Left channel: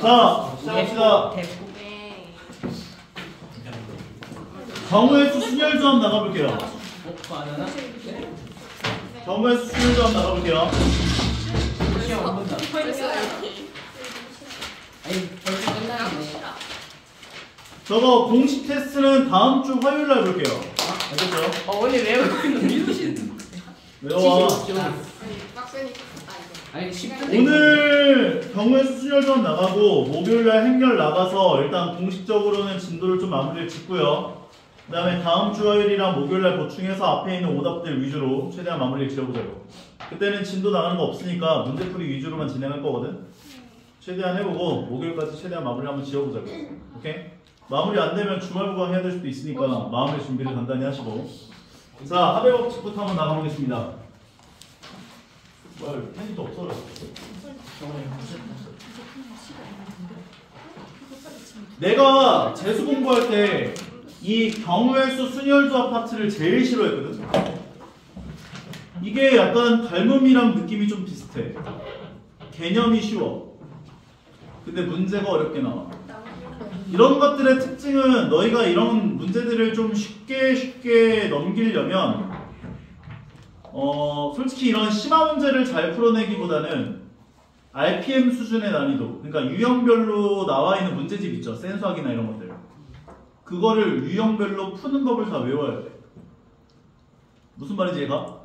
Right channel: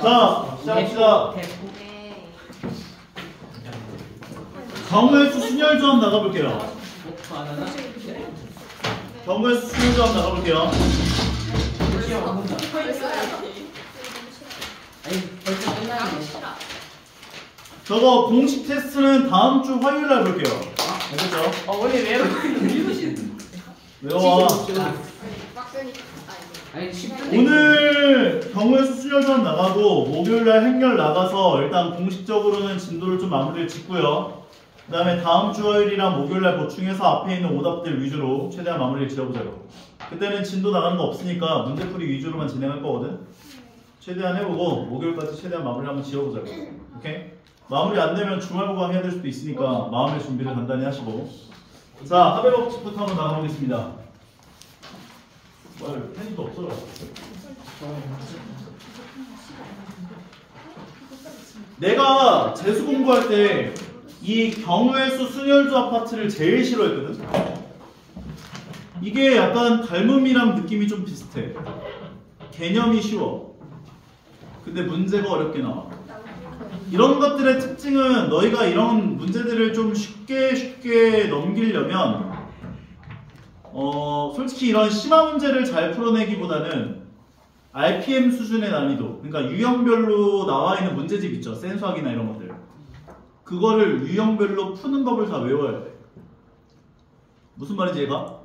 자, 시작합시다. 네. 경우의 수 순열 조합 나가볼게요. 경우의 수 순열 조합 나가볼게요. 저거 공식 테스트는 다음 주 화요일 날 볼게요. 알겠죠? 원래 외우는 외워. 오늘 경우의 수 순열 조합 나가고 목요일 날 행렬 나가서 일단 공식적으로는 진도를 좀 마무리를 짓고요. 그 다음에 다음 주 화요일이랑 목요일 날 보충해서 앞에 있는 오답들 위주로 최대한 마무리를 지어보자고. 그때는 진도 나가는 거 없으니까 문제풀이 위주로만 진행할 거거든. 최대한 해보고 목요일까지 최대한 마무리 한번 지어보자고. 오케이? 마무리 안 되면 주말 보강 해야 될 수도 있으니까 마음의 준비를 간단히 하시고. 자, 하배 법칙부터 한번 나가보겠습니다. 뭐야, 펜이 또 없어라. 내가 재수 공부할 때 이 경우의 수 순열 조합 파트를 제일 싫어했거든. 이게 약간 닮음이랑 느낌이 좀 비슷해. 개념이 쉬워. 근데 문제가 어렵게 나와. 이런 것들의 특징은 너희가 이런 문제들을 좀 쉽게 넘기려면 솔직히 이런 심화 문제를 잘 풀어내기보다는 RPM 수준의 난이도, 그러니까 유형별로 나와 있는 문제집 있죠. 센수학이나 이런 것들. 그거를 유형별로 푸는 법을 다 외워야 돼. 무슨 말인지 얘가?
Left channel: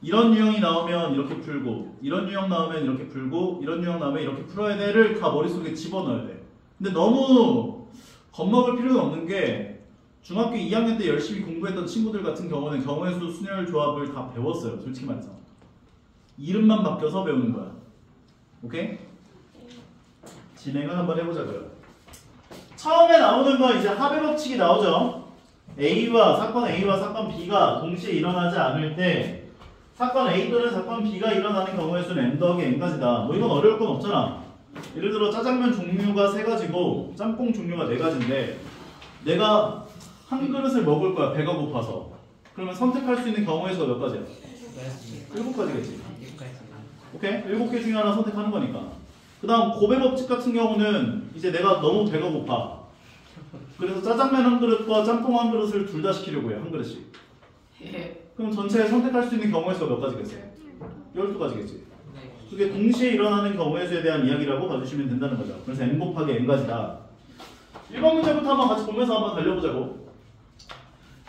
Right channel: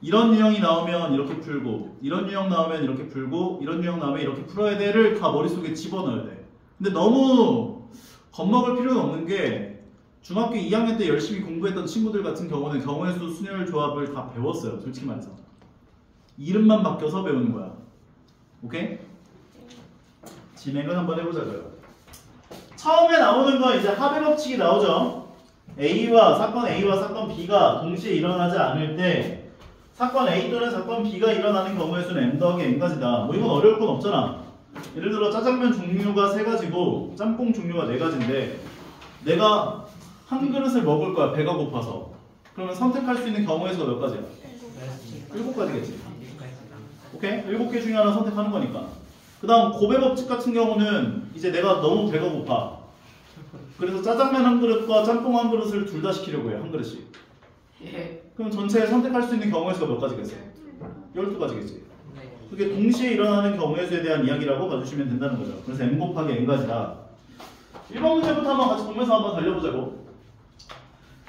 이런 유형이 나오면 이렇게 풀고, 이런 유형 나오면 이렇게 풀고, 이런 유형 나오면 이렇게 풀어야 돼를 다 머릿속에 집어넣어야 돼. 근데 너무 겁먹을 필요는 없는 게 중학교 2학년 때 열심히 공부했던 친구들 같은 경우는 경우의 수 순열 조합을 다 배웠어요. 솔직히 말해서. 이름만 바뀌어서 배우는 거야. 오케이? 진행을 한번 해보자고요. 처음에 나오는 건 이제 합의 법칙이 나오죠. 사건 A와 사건 B가 동시에 일어나지 않을 때 사건 A 또는 사건 B가 일어나는 경우의 수는 M 더하기 N까지다. 뭐 이건 어려울 건 없잖아. 예를 들어 짜장면 종류가 3가지고 짬뽕 종류가 4가지인데 내가 한 그릇을 먹을 거야. 배가 고파서. 그러면 선택할 수 있는 경우의 수가 몇 가지야? 7가지겠지. 오케이? 7개 중에 하나 선택하는 거니까. 그 다음 고배 법칙 같은 경우는 이제 내가 너무 배가 고파. 그래서 짜장면 한 그릇과 짬뽕 한 그릇을 둘 다 시키려고 해. 한 그릇씩. 그럼 전체에 선택할 수 있는 경우의 수가 몇 가지겠어요? 12가지겠지. 그게 동시에 일어나는 경우의 수에 대한 이야기라고 봐주시면 된다는 거죠. 그래서 n 곱하기 n가지다. 1번 문제부터 한번 같이 보면서 한번 달려보자고.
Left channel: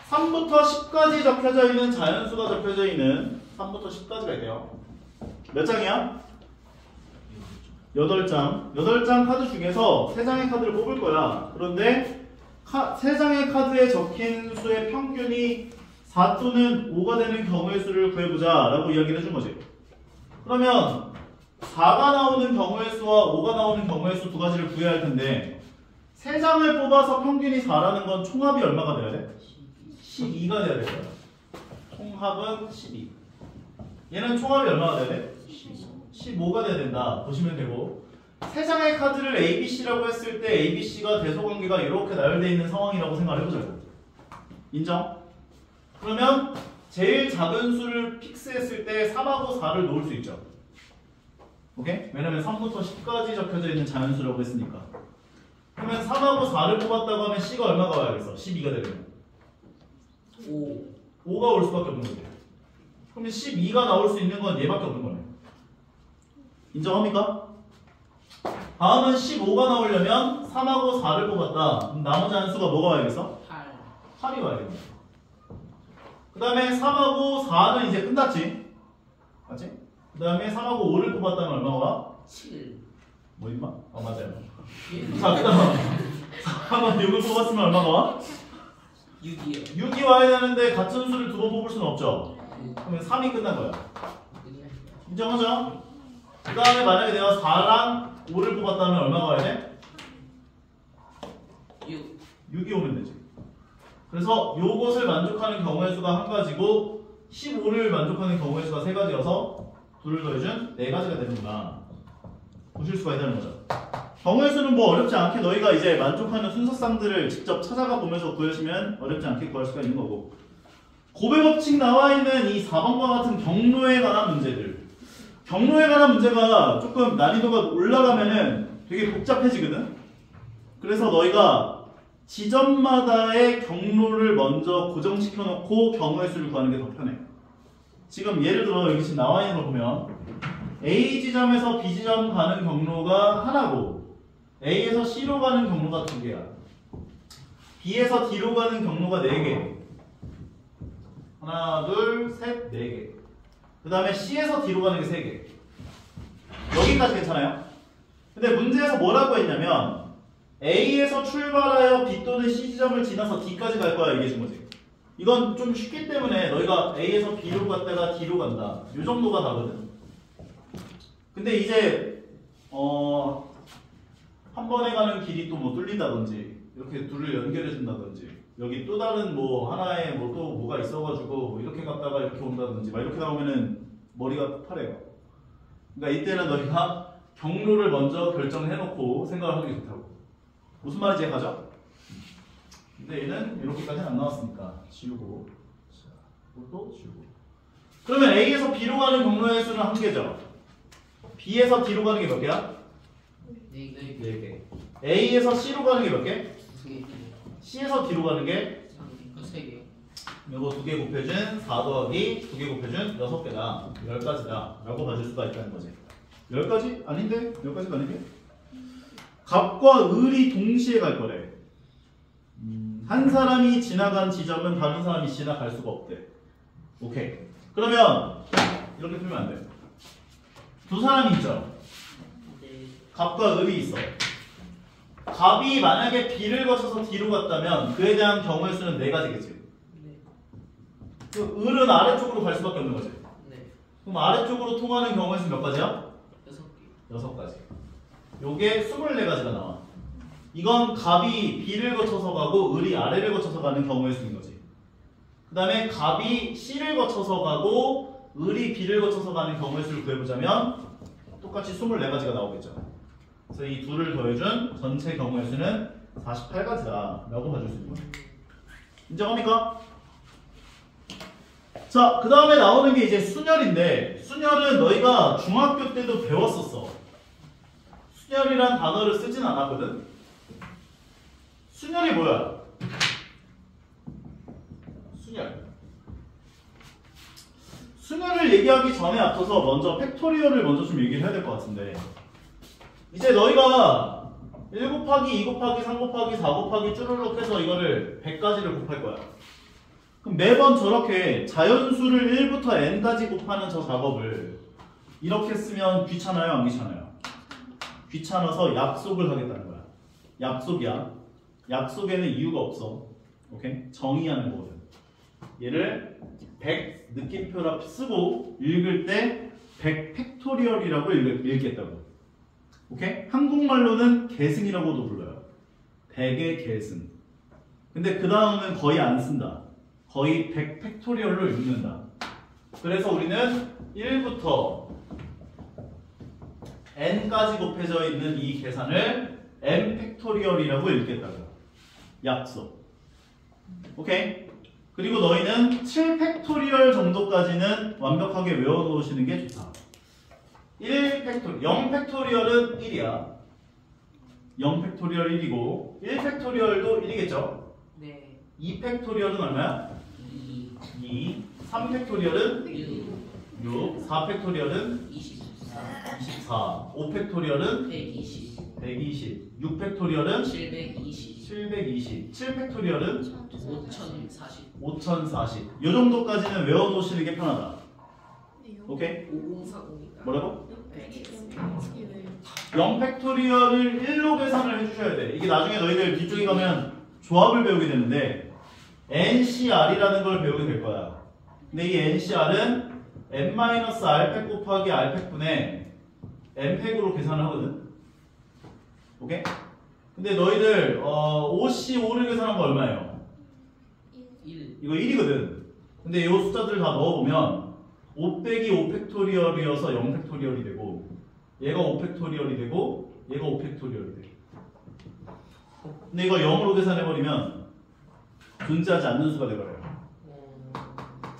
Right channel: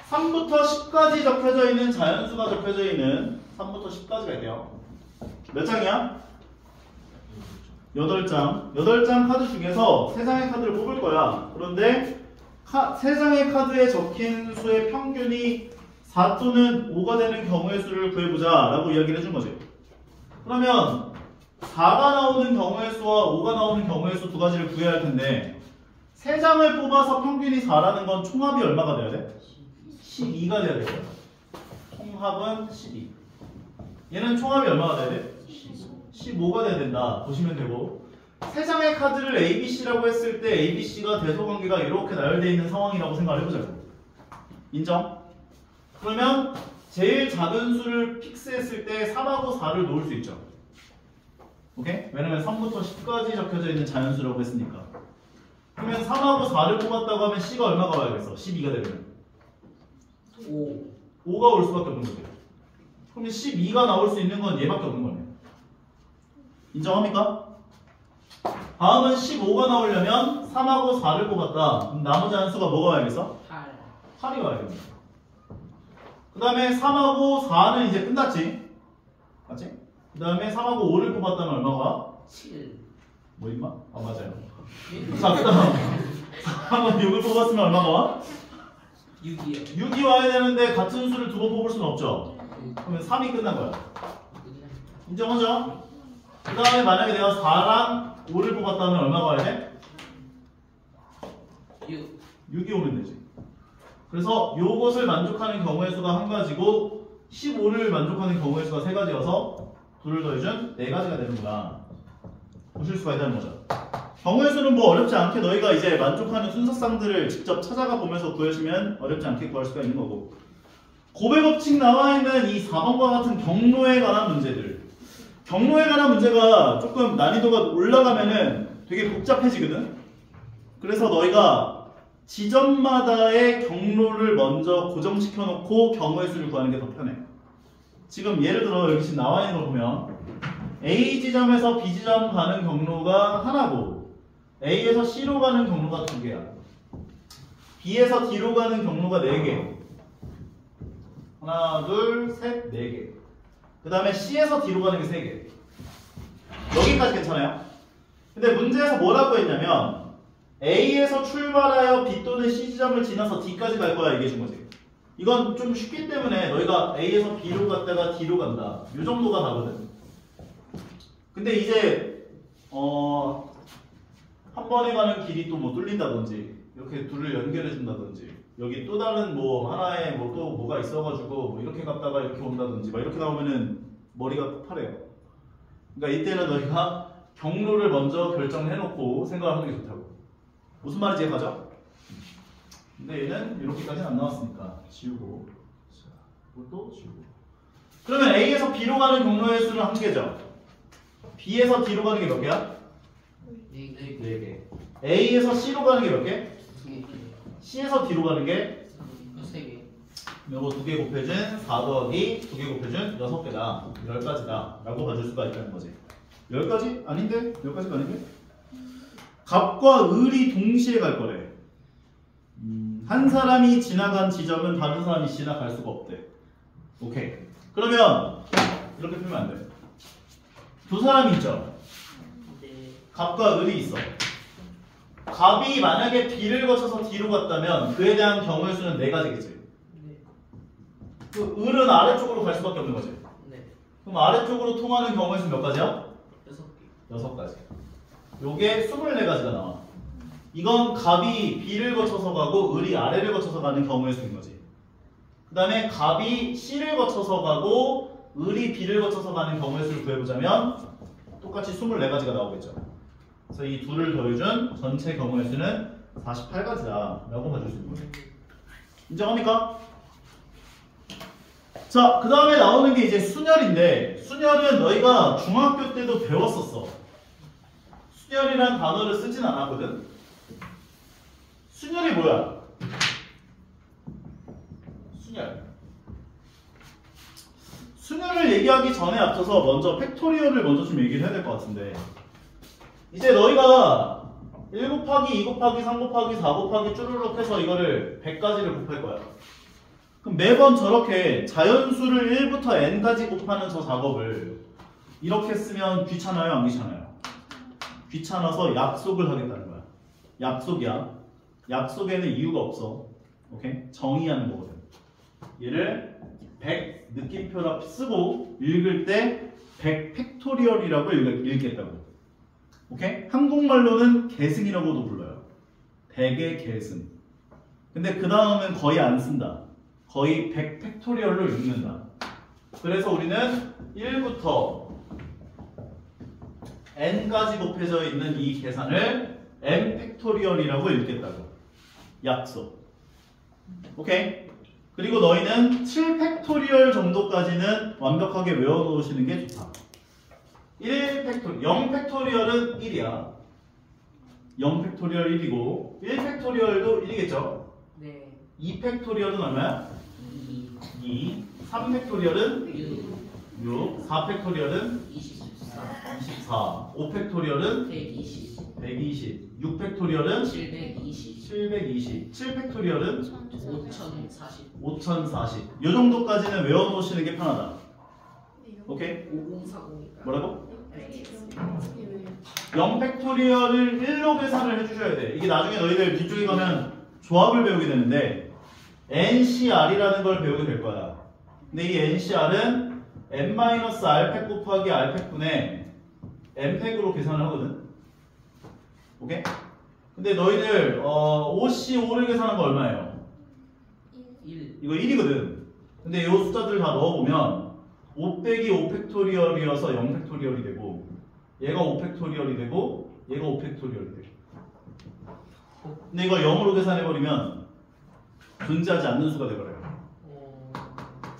3부터 10까지 적혀져 있는 자연수가 적혀져 있는 3부터 10까지 갈게요. 몇 장이야? 8장. 8장 카드 중에서 3장의 카드를 뽑을 거야. 그런데 3장의 카드에 적힌 수의 평균이 4 또는 5가 되는 경우의 수를 구해보자 라고 이야기를 해준 거지. 그러면 4가 나오는 경우의 수와 5가 나오는 경우의 수 두 가지를 구해야 할 텐데 3장을 뽑아서 평균이 4라는 건 총합이 얼마가 돼야 돼? 12가 돼야 될 거야. 총합은 12. 얘는 총합이 얼마가 돼야 돼? 15가 돼야 된다. 보시면 되고 3장의 카드를 ABC라고 했을 때 ABC가 대소관계가 이렇게 나열되어 있는 상황이라고 생각을 해보자고. 인정? 그러면 제일 작은 수를 픽스했을 때 3하고 4를 놓을 수 있죠. 오케이? 왜냐면 3부터 10까지 적혀져 있는 자연수라고 했으니까. 그러면 3하고 4를 뽑았다고 하면 C가 얼마가 와야겠어? 12가 되려면 5가 올 수밖에 없는 거죠. 그러면 12가 나올 수 있는 건 얘밖에 없는 거네. 인정합니까? 다음은 15가 나오려면 3하고 4를 뽑았다. 그럼 나머지 한 수가 뭐가 와야겠어? 8이 와야겠네. 그 다음에 3하고 4는 이제 끝났지? 맞지? 그 다음에 3하고 5를 뽑았다면 얼마가 와? 7. 뭐 임마? 맞아요. 자, 그 다음 3하고 6을 뽑았으면 얼마가 와? 6이요. 6이 와야 되는데 같은 수를 두 번 뽑을 수는 없죠? 그러면 3이 끝난 거야. 인정하죠? 그 다음에 만약에 내가 4랑 5를 뽑았다면 얼마가 와야 돼? 6이 오면 되지. 그래서 요것을 만족하는 경우의 수가 한 가지고 15를 만족하는 경우의 수가 3가지여서 둘을 더해준 4가지가 되는구나. 보실 수가 있다는 거죠. 경우의 수는 뭐 어렵지 않게 너희가 이제 만족하는 순서쌍들을 직접 찾아가 보면서 구해주면 어렵지 않게 구할 수가 있는 거고. 고배 법칙 나와 있는 이 4번과 같은 경로에 관한 문제들. 경로에 관한 문제가 조금 난이도가 올라가면은 되게 복잡해지거든. 그래서 너희가 지점마다의 경로를 먼저 고정시켜 놓고 경우의 수를 구하는 게 더 편해. 지금 예를 들어 여기 지금 나와 있는 걸 보면 A 지점에서 B 지점 가는 경로가 하나고 A에서 C로 가는 경로가 두 개야. B에서 D로 가는 경로가 네 개. 하나, 둘, 셋, 네 개. 그 다음에 C에서 D로 가는 게 세 개. 여기까지 괜찮아요? 근데 문제에서 뭐라고 했냐면 A에서 출발하여 B 또는 C 지점을 지나서 D까지 갈 거야 얘기해 준 거지. 이건 좀 쉽기 때문에 너희가 A에서 B로 갔다가 D로 간다. 이 정도가 다거든. 근데 이제 한 번에 가는 길이 또 뭐 뚫린다든지 이렇게 둘을 연결해 준다든지 여기 또 다른 뭐 하나에 뭐 또 뭐가 있어가지고 뭐 이렇게 갔다가 이렇게 온다든지 막 이렇게 나오면은 머리가 파래요. 그러니까 이때는 너희가 경로를 먼저 결정해놓고 생각을 하는 게 좋다고. 무슨 말인지 가죠? 근데 얘는 이렇게까지는 안 나왔으니까 지우고, 자, 이것도 지우고. 그러면 A에서 B로 가는 경로의 수는 한 개죠. B에서 D로 가는 게 몇 개야? 네 네 개. A에서 C로 가는 게 몇 개? 두 개. C에서 D로 가는 게? 세 개. 이거 2개 곱해준 4 더하기 2개 곱해준 6개다. 10가지다. 라고 봐줄 수가 있다는 거지. 10가지? 아닌데? 10가지가 아닌데? 갑과 을이 동시에 갈 거래. 한 사람이 지나간 지점은 다른 사람이 지나갈 수가 없대. 오케이. 그러면 이렇게 풀면 안 돼. 두 사람이 있죠. 네. 갑과 을이 있어. 갑이 만약에 B를 거쳐서 D로 갔다면 그에 대한 경우의 수는 4가지겠지. 네. 그 을은 아래쪽으로 갈 수밖에 없는 거지. 네. 그럼 아래쪽으로 통하는 경우의 수는 몇 가지야? 6개. 6가지. 요게 24가지가 나와. 이건 갑이 B를 거쳐서 가고 을이 아래를 거쳐서 가는 경우의 수인 거지. 그 다음에 갑이 C를 거쳐서 가고 을이 B를 거쳐서 가는 경우의 수를 구해보자면 똑같이 24가지가 나오겠죠. 그래서 이 둘을 더해준 전체 경우의 수는 48가지다 라고 봐줄 수 있는 거예요. 인정합니까? 자, 그 다음에 나오는 게 이제 순열인데 순열은 너희가 중학교 때도 배웠었어. 순열이란 단어를 쓰진 않았거든. 순열이 뭐야? 순열을 얘기하기 전에 앞서서 먼저 팩토리얼을 먼저 좀 얘기를 해야 될 것 같은데 이제 너희가 1 곱하기 2 곱하기 3 곱하기 4 곱하기 쭈르륵 해서 이거를 100가지를 곱할 거야. 그럼 매번 저렇게 자연수를 1부터 n까지 곱하는 저 작업을 이렇게 쓰면 귀찮아요? 안 귀찮아요? 귀찮아서 약속을 하겠다는 거야. 약속이야. 약속에는 이유가 없어. 오케이? 정의하는 거거든. 얘를 100 느낌표라 쓰고 읽을 때 100 팩토리얼이라고 읽겠다고. 오케이? 한국말로는 계승이라고도 불러요. 100의 계승. 근데 그 다음은 거의 안 쓴다. 거의 100 팩토리얼로 읽는다. 그래서 우리는 1부터 n까지 곱해져 있는 이 계산을 n 팩토리얼이라고 읽겠다고. 약속. 오케이? 그리고 너희는 7 팩토리얼 정도까지는 완벽하게 외워놓으시는 게 좋다. 1 팩토리얼, 0 팩토리얼은 1이야. 0 팩토리얼 1이고 1 팩토리얼도 1이겠죠? 네. 2 팩토리얼은 얼마야? 2. 3 팩토리얼은 6. 4 팩토리얼은 24. 5 팩토리얼은 120. 120. 6 팩토리얼은 720. 720. 7 팩토리얼은 5040. 5040. 이 정도까지는 외워놓으시는 게 편하다. 오케이? 5040이니까. 뭐라고? 알겠습니다. 0 팩토리얼을 1로 계산을 해주셔야 돼. 이게 나중에 너희들 뒤쪽에 가면 조합을 배우게 되는데 NCR이라는 걸 배우게 될 거야. 근데 이 NCR은 n-r팩 곱하기 r팩분의 n팩으로 계산을 하거든. 오케이? 근데 너희들 OC5를 계산한 거 얼마예요? 1. 이거 1이거든. 근데 이 숫자들 다 넣어보면 5 빼기 5 팩토리얼이어서 0 팩토리얼이 되고 얘가 5 팩토리얼이 되고 얘가 5 팩토리얼이 돼. 근데 이거 0으로 계산해버리면 존재하지 않는 수가 되버려요.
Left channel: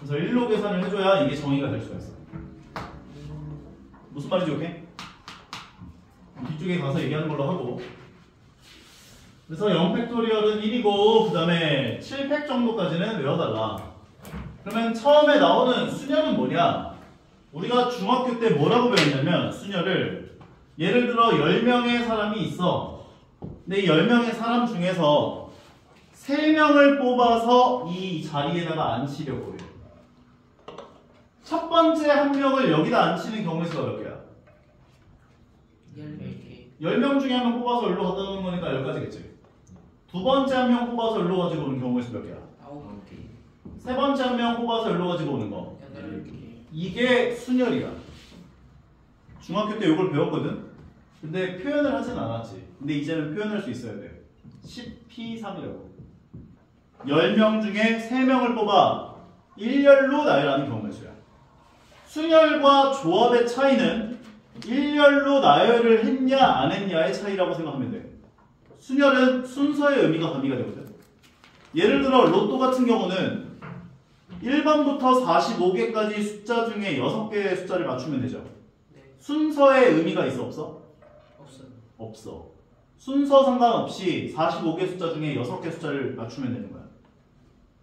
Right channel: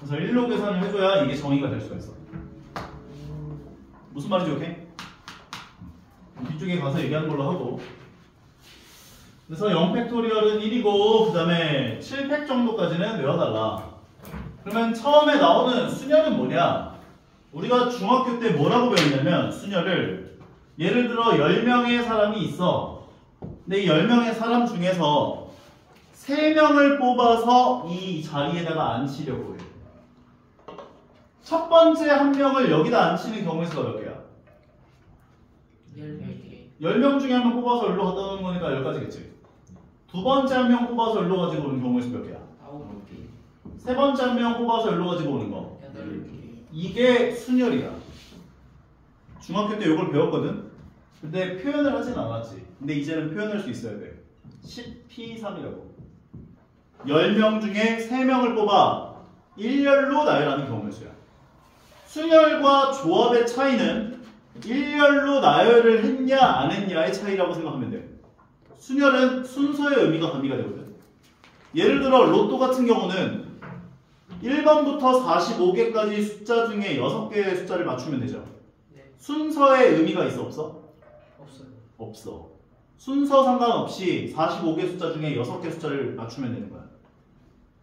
그래서 1로 계산을 해줘야 이게 정의가 될 수가 있어. 무슨 말인지 오케이? 뒤쪽에 가서 얘기하는 걸로 하고. 그래서 0팩토리얼은 1이고 그 다음에 7팩 정도까지는 외워달라. 그러면 처음에 나오는 수녀는 뭐냐? 우리가 중학교 때 뭐라고 배웠냐면 수녀를 예를 들어 10명의 사람이 있어. 근데 이 10명의 사람 중에서 3명을 뽑아서 이 자리에다가 앉히려고 해. 첫 번째 한 명을 여기다 앉히는 경우의 수가 몇 개야? 10개. 10명 중에 한 명 뽑아서 여기로 갖다 놓는 거니까 10가지겠지. 두 번째 한 명 뽑아서 여기로 가지고 오는 경우의 수 몇 개야? 9개. 세 번째 한 명 뽑아서 여기로 가지고 오는 거. 8개. 이게 순열이야. 중학교 때 이걸 배웠거든? 근데 표현을 하진 않았지. 근데 이제는 표현할 수 있어야 돼. 10P3이라고. 10명 중에 3명을 뽑아 일렬로 나열하는 경우의 수야. 순열과 조합의 차이는 일렬로 나열을 했냐 안 했냐의 차이라고 생각하면 돼. 순열은 순서의 의미가 가미가 되거든. 예를 들어 로또 같은 경우는 1번부터 45개까지 숫자 중에 6개의 숫자를 맞추면 되죠. 네. 순서의 의미가 있어 없어? 없어요. 없어. 순서 상관없이 45개 숫자 중에 6개 숫자를 맞추면 되는 거야.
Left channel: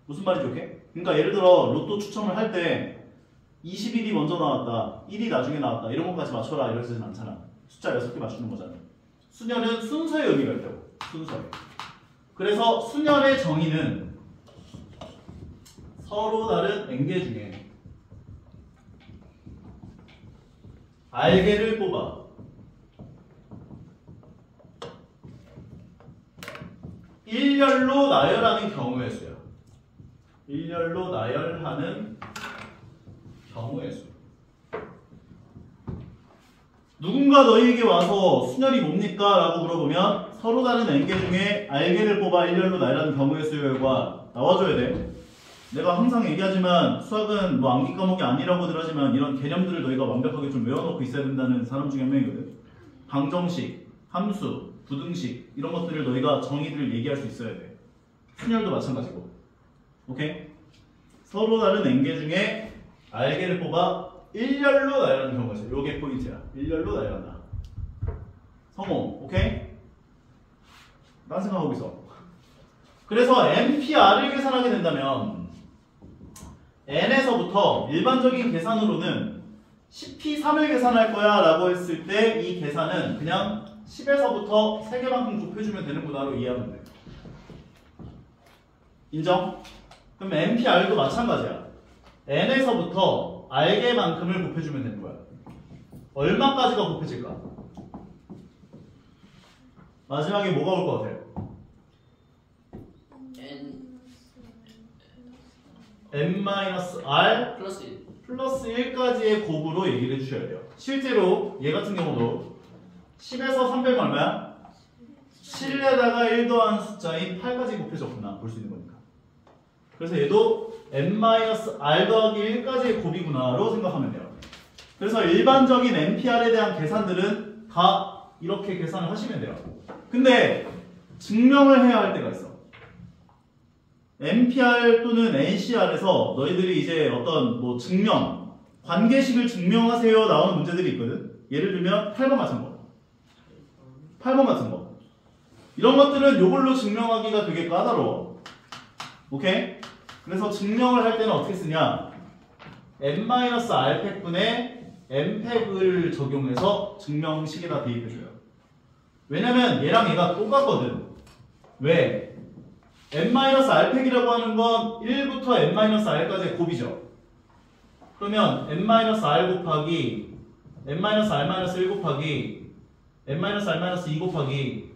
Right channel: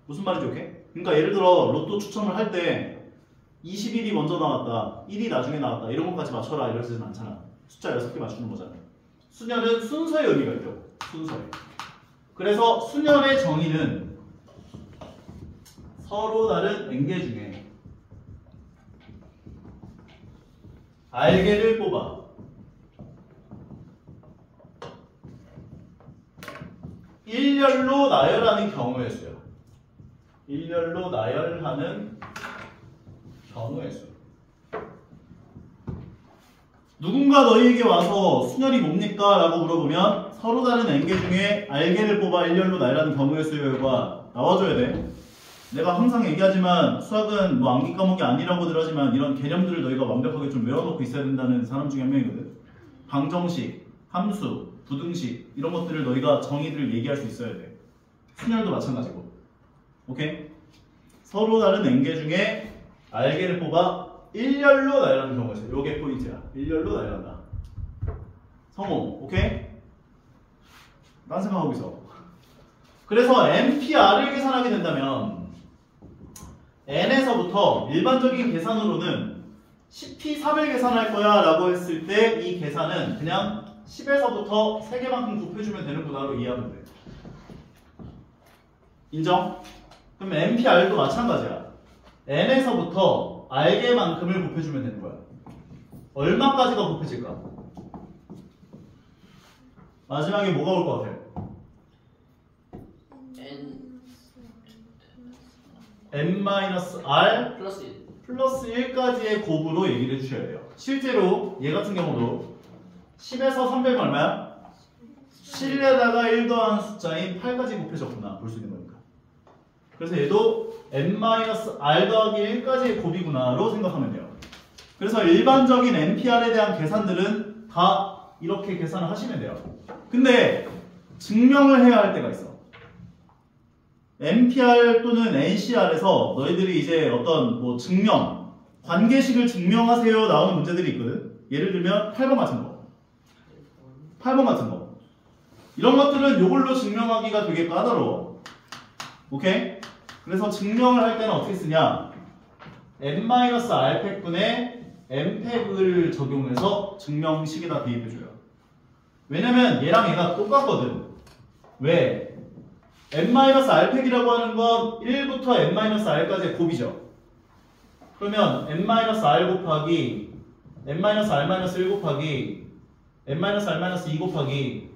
무슨 말인지 오케이? 그러니까 예를 들어 로또 추첨을 할 때 21이 먼저 나왔다, 1이 나중에 나왔다 이런 것까지 맞춰라 이러지는 않잖아. 숫자 6개 맞추는 거잖아. 수녀는 순서의 의미가 있다고. 순서에. 그래서 수녀의 정의는 서로 다른 N개 중에 R개를 뽑아 일렬로 나열하는 경우의 수야. 일렬로 나열하는 경우의 수. 누군가 너희에게 와서 순열이 뭡니까? 라고 물어보면 서로 다른 N개 중에 R개를 뽑아 일렬로 나열하는 경우의 수의 결과 나와줘야 돼. 내가 항상 얘기하지만 수학은 뭐 암기 과목이 아니라고들 하지만 이런 개념들을 너희가 완벽하게 좀 외워놓고 있어야 된다는 사람 중에 한 명이거든. 방정식, 함수, 부등식 이런 것들을 너희가 정의를 얘기할 수 있어야 돼. 순열도 마찬가지고. 오케이? 서로 다른 N개 중에 R개를 뽑아 일렬로 나열하는 경우가 있어요. 요게 포인트야. 일렬로 나열한다. 성공. 오케이? 딴 생각하고 있어. 그래서 NPR을 계산하게 된다면 N에서부터 일반적인 계산으로는 10P3을 계산할 거야 라고 했을 때 이 계산은 그냥 10에서부터 3개만큼 곱해주면 되는구나로 이해하면 돼. 인정? 그럼 NPR도 마찬가지야. N에서부터 R개만큼을 곱해주면 되는 거야. 얼마까지가 곱해질까? 마지막에 뭐가 올 것 같아? N-R 플러스 1. 플러스 1까지의 곱으로 얘기를 해주셔야 돼요. 실제로 얘 같은 경우도 10에서 300은 얼마야? 7에다가 1 더한 숫자인 8까지 곱해졌구나 볼 수 있는 거니까. 그래서 얘도 N-R 더하기 1까지의 곱이구나로 생각하면 돼요. 그래서 일반적인 NPR에 대한 계산들은 다 이렇게 계산을 하시면 돼요. 근데 증명을 해야 할 때가 있어. NPR 또는 NCR에서 너희들이 이제 어떤 뭐 증명, 관계식을 증명하세요 나오는 문제들이 있거든. 예를 들면 8번 같은 거, 8번 같은 거. 이런 것들은 이걸로 증명하기가 되게 까다로워. 오케이? 그래서 증명을 할 때는 어떻게 쓰냐? N-R팩분에 N팩을 적용해서 증명식에다 대입해줘요. 왜냐면 얘랑 얘가 똑같거든. 왜? N-R팩이라고 하는 건 1부터 N-R까지의 곱이죠. 그러면 N-R 곱하기 N-R-1 곱하기 N-R-2 곱하기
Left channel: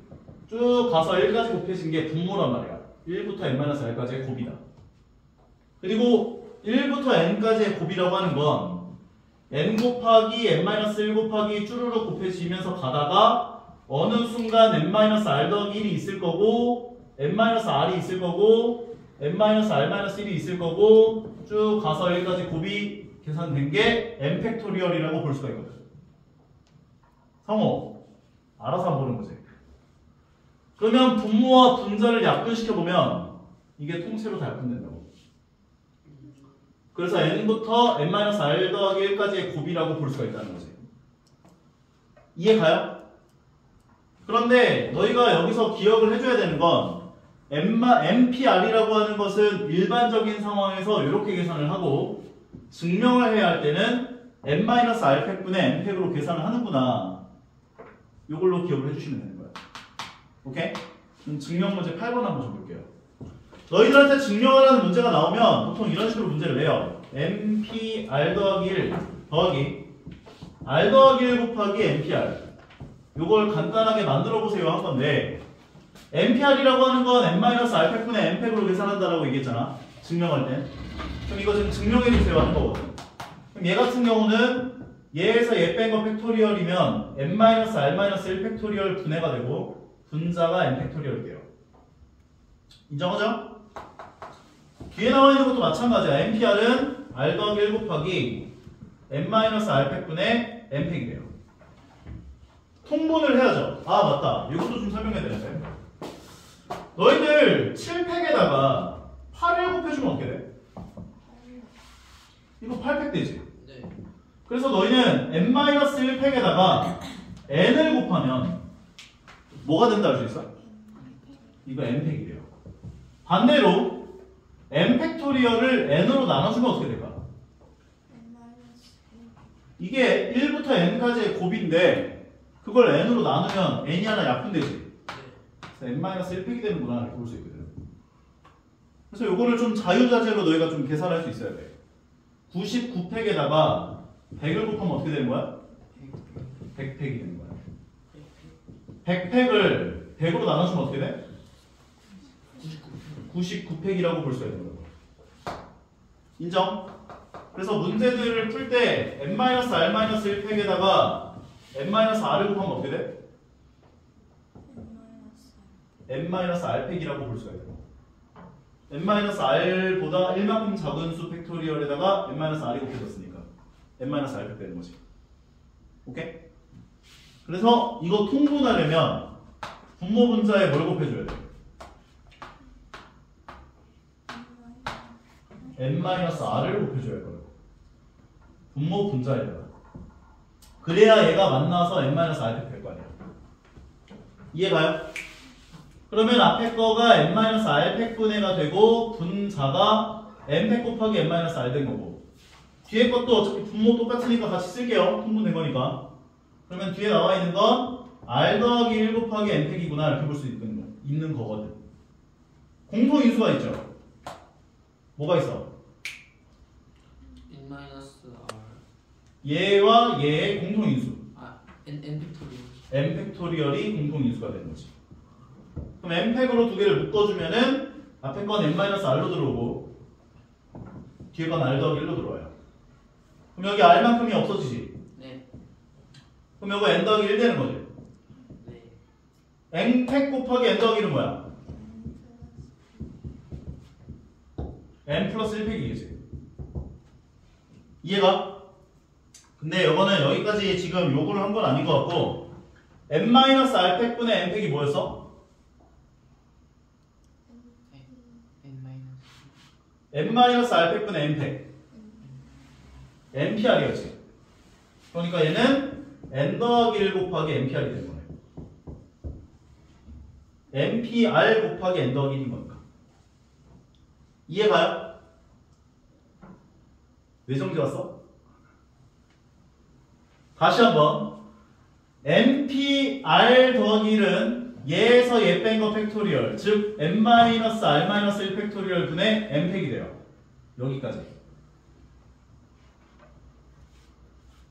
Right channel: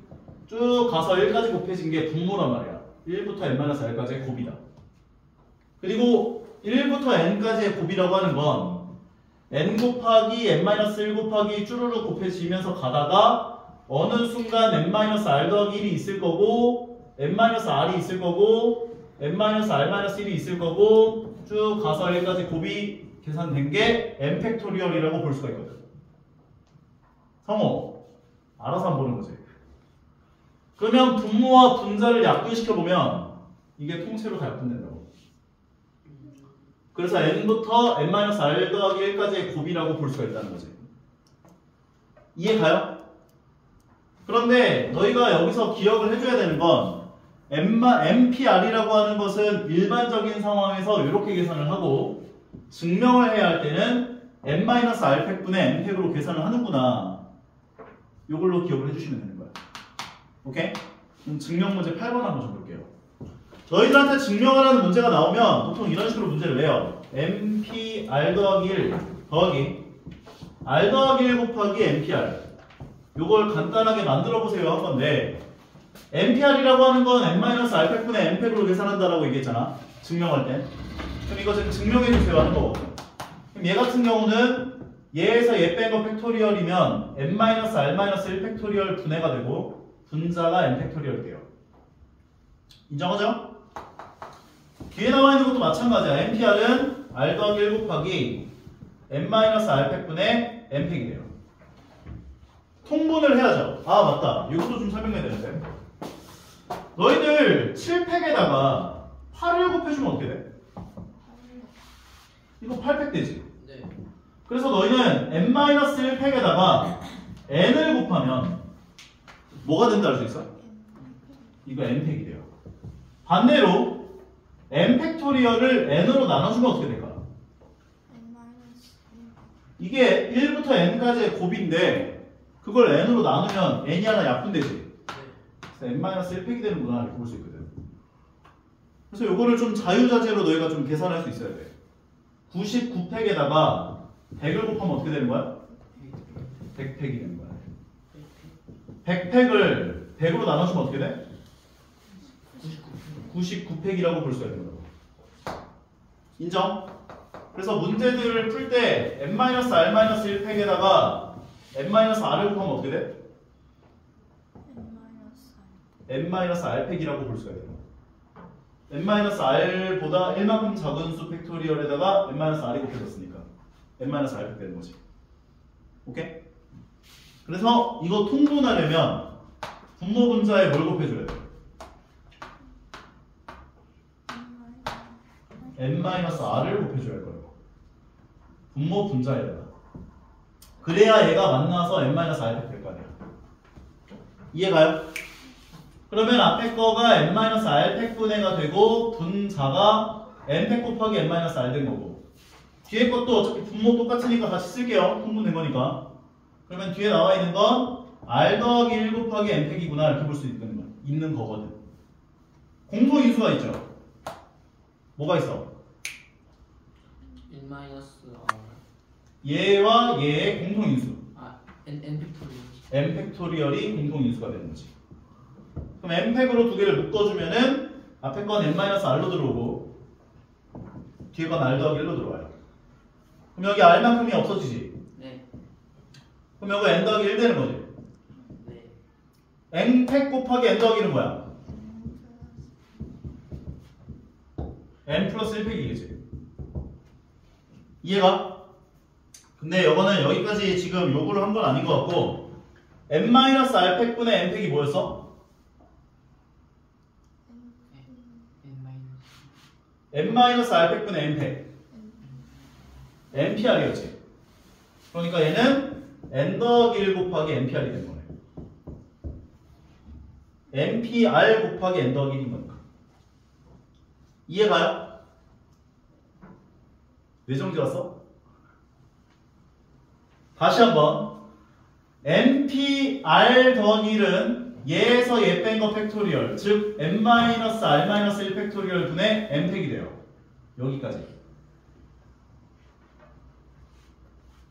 쭉 가서 1까지 곱해진 게 분모란 말이야. 1부터 N-R까지의 곱이다. 그리고 1부터 N까지의 곱이라고 하는 건 N 곱하기 N-1 곱하기 쭈루룩 곱해지면서 가다가 어느 순간 N-R 더하기 1이 있을 거고 N-R이 있을 거고 N-R-1이 있을 거고 쭉 가서 여기까지 곱이 계산된 게 N팩토리얼이라고 볼 수가 있거든. 성호 알아서 한번 보는 거지. 그러면 분모와 분자를 약분시켜보면 이게 통째로 다 약분된다고. 그래서 N부터 N-R 더하기 1까지의 곱이라고 볼 수가 있다는 거지. 이해 가요? 그런데 너희가 여기서 기억을 해줘야 되는 건 MPR이라고 하는 것은 일반적인 상황에서 이렇게 계산을 하고 증명을 해야 할 때는 n-r팩분의 n팩으로 계산을 하는구나. 이걸로 기억을 해주시면 되는 거야. 오케이? 그럼 증명 문제 8번 한번 줘볼게요. 너희들한테 증명을 하는 문제가 나오면 보통 이런 식으로 문제를 내요. MPR 더하기 1 더하기 R 더하기 1 곱하기 MPR. 요걸 간단하게 만들어 보세요 한 건데 MPR이라고 하는 건 n-r팩분의 n팩으로 계산한다라고 얘기했잖아. 증명할 때. 그럼 이거 지금 증명해 주세요 하는 거거든. 그럼 얘 같은 경우는 얘에서 얘 뺀 거 팩토리얼이면 n-r-1 팩토리얼 분해가 되고 분자가 n 팩토리얼이 돼요. 인정하죠? 뒤에 나와 있는 것도 마찬가지야. MPR은 R 더하기 1 곱하기 n-r 팩분의 n팩이 돼요. 통분을 해야죠. 아 맞다. 이것도 좀 설명해야 되는데. 너희들 7팩에다가 8을 곱해주면 어떻게 돼? 이거 8팩 되지? 네. 그래서 너희는 n-1팩에다가 n을 곱하면 뭐가 된다 알 수 있어? 이거 n팩이 돼요. 반대로 n 팩토리얼을 n으로 나눠주면 어떻게 될까? 이게 1부터 n까지의 곱인데 그걸 n으로 나누면 n이 하나 약분되지? n-1팩이 되는구나 이렇게 볼 수 있거든. 그래서 요거를 좀 자유자재로 너희가 좀 계산할 수 있어야 돼. 99팩에다가 100을 곱하면 어떻게 되는 거야? 100팩이 되는 거야. 100팩을 100으로 나눠주면 어떻게 돼? 99팩이라고 볼 수가 있는 거야. 인정? 그래서 문제들을 풀 때 n-r-1팩에다가 n-r을 곱하면 어떻게 돼? n-r팩이라고 볼 수가 있어요. n-r보다 1만큼 작은 수 팩토리얼에다가 n-r이 곱해졌으니까 n-r팩 되는 거지. 오케이? 그래서 이거 통분하려면 분모 분자에 뭘 곱해줘야 돼? n-r을 곱해줘야 할 거예요. 분모 분자에다가. 그래야 얘가 만나서 n-r팩 될 거 아니야. 이해가요? 그러면 앞에 거가 n-r팩 분해가 되고 분자가 n팩 곱하기 n-r 된 거고 뒤에 것도 어차피 분모 똑같으니까 같이 쓸게요. 통분된 거니까. 그러면 뒤에 나와 있는 건 r 더하기 1 곱하기 n팩이구나 이렇게 볼 수 있는 거거든. 공통인수가 있죠. 뭐가 있어? n-r. 얘와 얘의 공통인수 아, n 팩토리얼. n 팩토리얼이 공통인수가 되는 거지. 그럼 n팩으로 두 개를 묶어주면은 앞에 건 n-r로 들어오고 뒤에 건 r 더하기 1로 들어와요. 그럼 여기 r만큼이 없어지지? 네. 그럼 여기 n 더하기 1 되는 거지? 네. n팩 곱하기 n 더하기 1은 뭐야? n 플러스 1팩이겠지. 이해가? 근데 이거는 여기까지 지금 요구를 한 건 아닌 것 같고 n-r팩분의 n팩이 뭐였어? n-r팩분의 n팩 npr이었지. 그러니까 얘는 n 더하기 1 곱하기 npr이 되는 거네. npr 곱하기 n 더하기 1인 거니까. 이해가요? 왜 정지 왔어? 다시 한번 npr 더하기 1은 얘에서 얘 뺀 거 팩토리얼 즉 n-r-1 팩토리얼 분의 n팩이 돼요. 여기까지.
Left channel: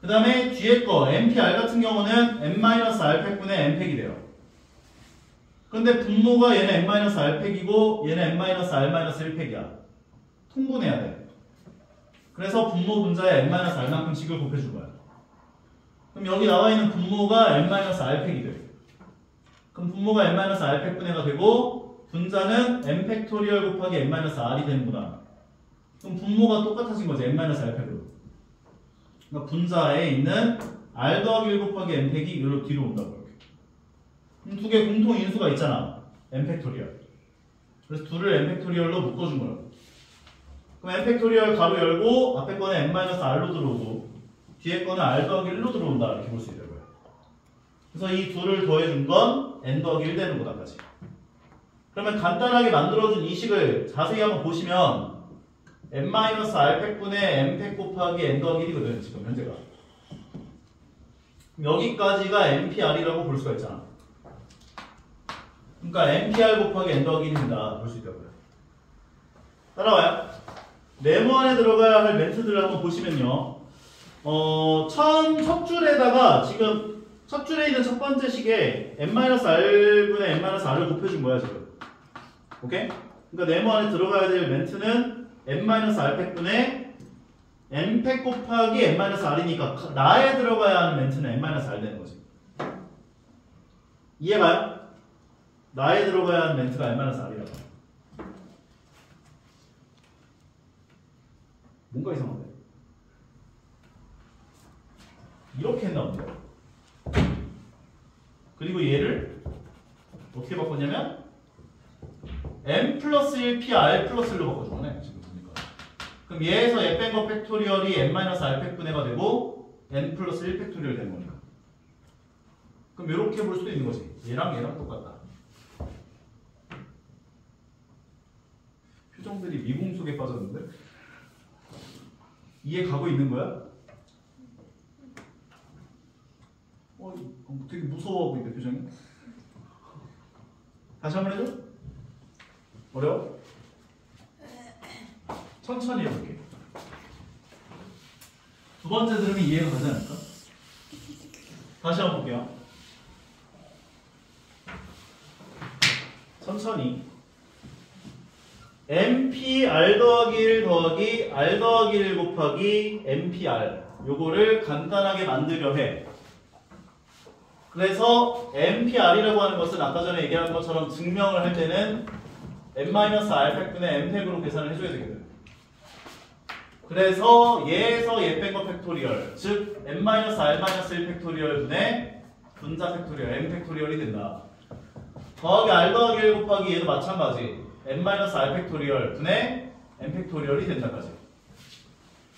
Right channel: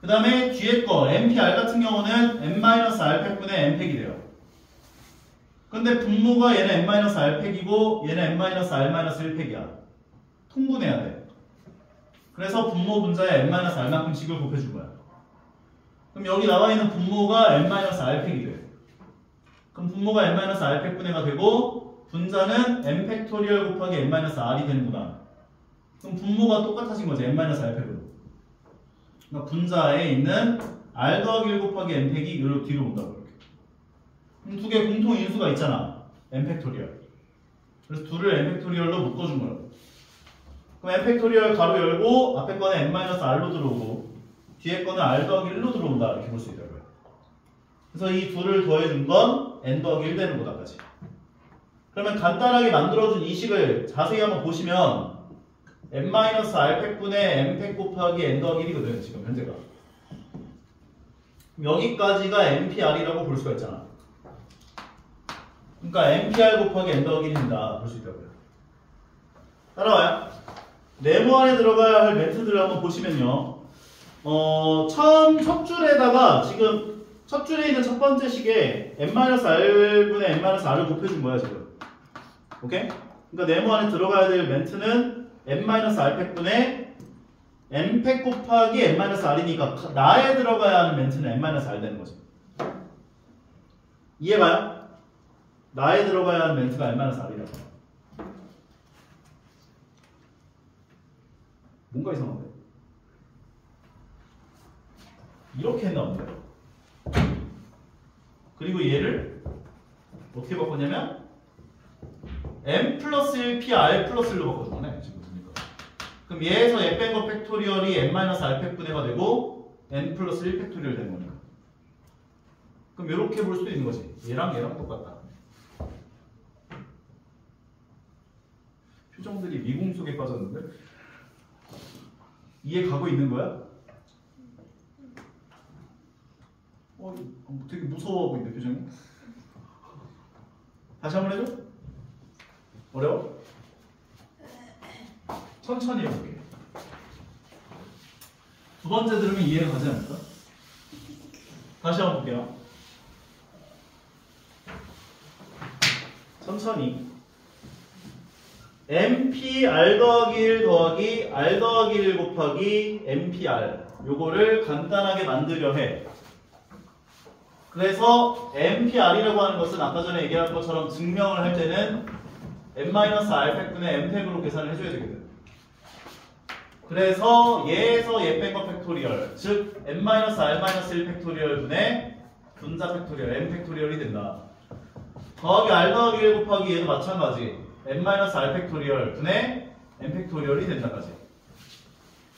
그 다음에 뒤에 거 npr 같은 경우는 n-r 팩분의 n팩이 돼요. 근데 분모가 얘는 n-r 팩이고 얘는 n-r-1 팩이야. 통분해야 돼. 그래서 분모 분자에 n-r만큼씩을 곱해준 거야. 그럼 여기 나와 있는 분모가 n-r 팩이 돼. 그럼 분모가 n-r 팩 분해가 되고 분자는 n 팩토리얼 곱하기 n-r이 되는구나. 그럼 분모가 똑같아진 거지. n-r 팩으로. 그러니까 분자에 있는 r 더하기 1 곱하기 n 팩이 이리로 뒤로 온다고. 그럼 두 개 공통 인수가 있잖아. n 팩토리얼. 그래서 둘을 n 팩토리얼로 묶어준 거라고. 그럼 n 팩토리얼 가로 열고 앞에 거는 n-r로 들어오고 뒤에 거는 r 더하기 1로 들어온다 이렇게 볼 수 있다고요. 그래서 이 둘을 더해준 건 n 더하기 1 되는 거다까지. 그러면 간단하게 만들어준 이 식을 자세히 한번 보시면 n-r팩분의 n팩 곱하기 n 더하기 1이거든 지금 현재가. 여기까지가 npr이라고 볼 수가 있잖아. 그러니까 npr 곱하기 n 더하기 1입니다. 볼 수 있다고요. 따라와요. 네모 안에 들어가야 할 멘트들을 한번 보시면요. 첫 줄에다가 지금 첫 줄에 있는 첫 번째 식에 n-r분의 n-r을 곱해준 거야 지금. 오케이? 그러니까 네모 안에 들어가야 될 멘트는 n-r팩분의 n팩 곱하기 n-r이니까 나에 들어가야 하는 멘트는 n-r 되는 거죠. 이해가요? 나에 들어가야 하는 멘트가 n-r이라고. 뭔가 이상한데? 이렇게 했나 본데? 그리고 얘를 어떻게 바꿨냐면 n 플러스 1p r 플러스 1로 바꿔주네 지금 보니까. 그럼 얘에서 얘 뺀 거 팩토리얼이 n-r 팩분해가 되고 n 플러스 1 팩토리얼 되는 거니까. 그럼 이렇게 볼 수도 있는 거지. 얘랑 얘랑 똑같다. 표정들이 미궁 속에 빠졌는데? 이해 가고 있는 거야? 되게 무서워 보이는데 표정이? 다시 한번 해줘? 어려워? 천천히 해볼게. 두 번째 들으면 이해가 가지 않을까? 다시 한번 볼게요. 천천히. npr 더하기 1 더하기 r 더하기 1 곱하기 npr 요거를 간단하게 만들려 해. 그래서 npr이라고 하는 것은 아까 전에 얘기한 것처럼 증명을 할 때는 n-r 팩분의 n팩으로 계산을 해줘야 되거든. 그래서 얘에서 얘 뺀 거 팩토리얼, 즉 n-r-1 팩토리얼 분의 분자 팩토리얼 n 팩토리얼이 된다. 더하기 r 더하기 1 곱하기 얘도 마찬가지 n-r 팩토리얼 분의 n 팩토리얼이 된다까지.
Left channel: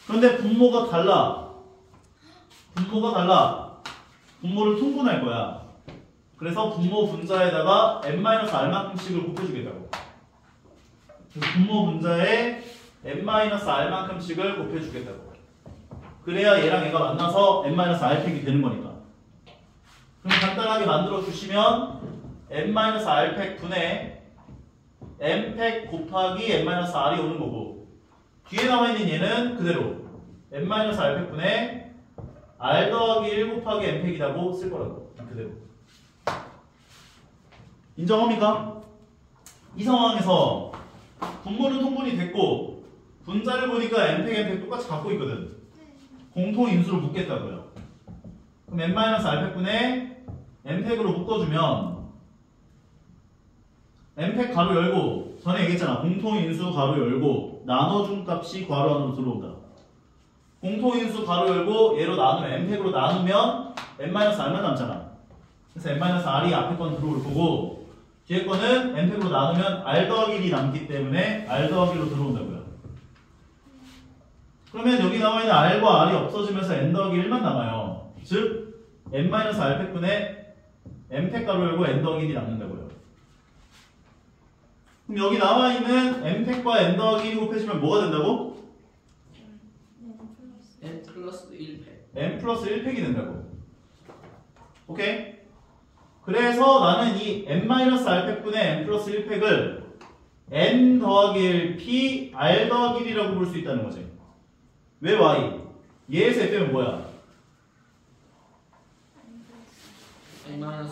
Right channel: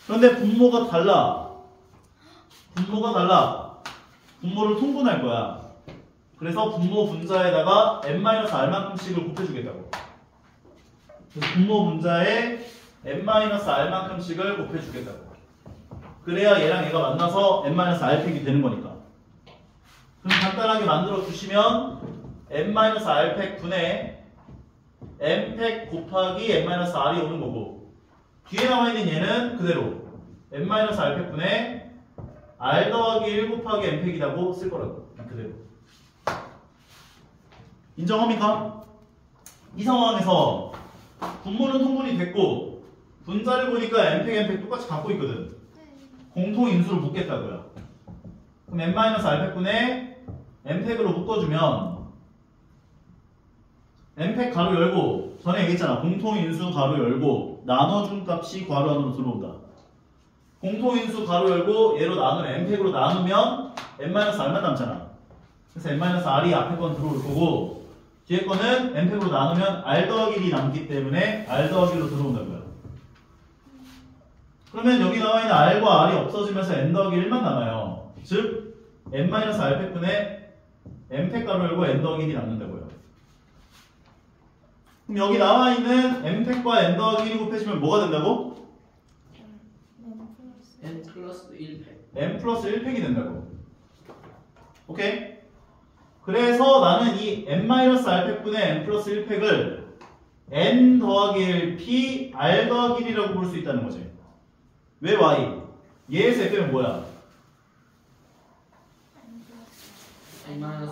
그런데 분모가 달라. 분모가 달라. 분모를 통분할 거야. 그래서 분모 분자에다가 n-r만큼씩을 곱해주겠다고. 그래서 분모 분자에 n-r만큼씩을 곱해주겠다고. 그래야 얘랑 얘가 만나서 n-r팩이 되는 거니까. 그럼 간단하게 만들어 주시면 n-r팩 분의 n팩 곱하기 n-r이 오는 거고, 뒤에 남아있는 얘는 그대로 n-r팩 분의 r 더하기 1 곱하기 n팩이라고 쓸 거라고. 그대로. 인정합니까? 이 상황에서 분모는 통분이 됐고 분자를 보니까 n팩, n팩 똑같이 갖고 있거든. 공통 인수로 묶겠다고요. 그럼 n-r팩분의 n팩으로 묶어주면 n팩 가로 열고, 전에 얘기했잖아. 공통인수 가로 열고 나눠준 값이 괄호 안으로 들어온다. 공통인수 가로 열고 얘로 나누면 n팩으로 나누면 n-r만 남잖아. 그래서 n-r이 앞에 건 들어올 거고 뒤에 거는 n팩으로 나누면 r 더하기 1이 남기 때문에 r 더하기 1로 들어온다고요. 그러면 여기 나와 있는 r과 r이 없어지면서 n 더하기 1만 남아요. 즉 n-r팩분의 n팩 가로 열고 n 더하기 1이 남는다고요. 그럼 여기 나와 있는 n팩과 n 더하기 1이 곱해지면 뭐가 된다고? n 플러스 1팩. n 플러스 1팩이 된다고. 오케이? 그래서 나는 이 n-r팩분의 n 플러스 1팩을 n 더하기 1 p r 더하기 1이라고 볼 수 있다는 거지. 왜 y? 얘에서 얘 빼면 뭐야? n-r.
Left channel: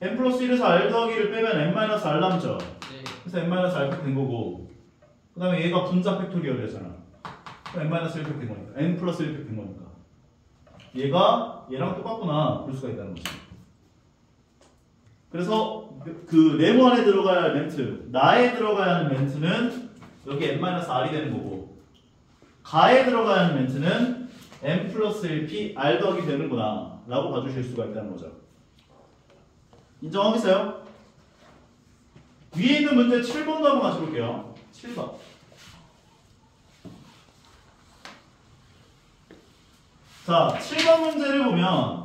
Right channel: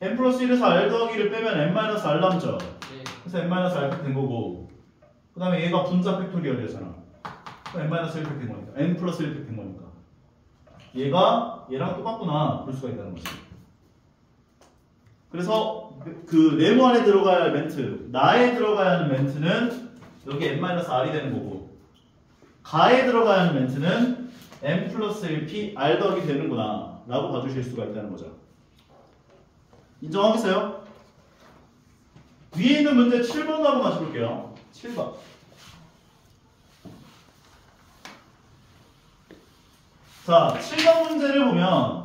n 플러스 1에서 r 더하기 1을 빼면 n-r 남죠. 네. 그래서 n-r팩 된 거고, 그 다음에 얘가 분자 팩토리얼이잖아. n-1팩 된 거니까, n 플러스 1팩 된 거니까 얘가 얘랑 똑같구나 볼 수가 있다는 거지. 그래서 그 네모 안에 들어가야 할 멘트, 나에 들어가야 하는 멘트는 여기 n-r이 되는 거고, 가에 들어가야 하는 멘트는 n 플러스 1p r 더하기 되는구나 라고 봐주실 수가 있다는 거죠. 인정하겠어요? 위에 있는 문제 7번도 한번 같이 볼게요. 7번. 자, 7번 문제를 보면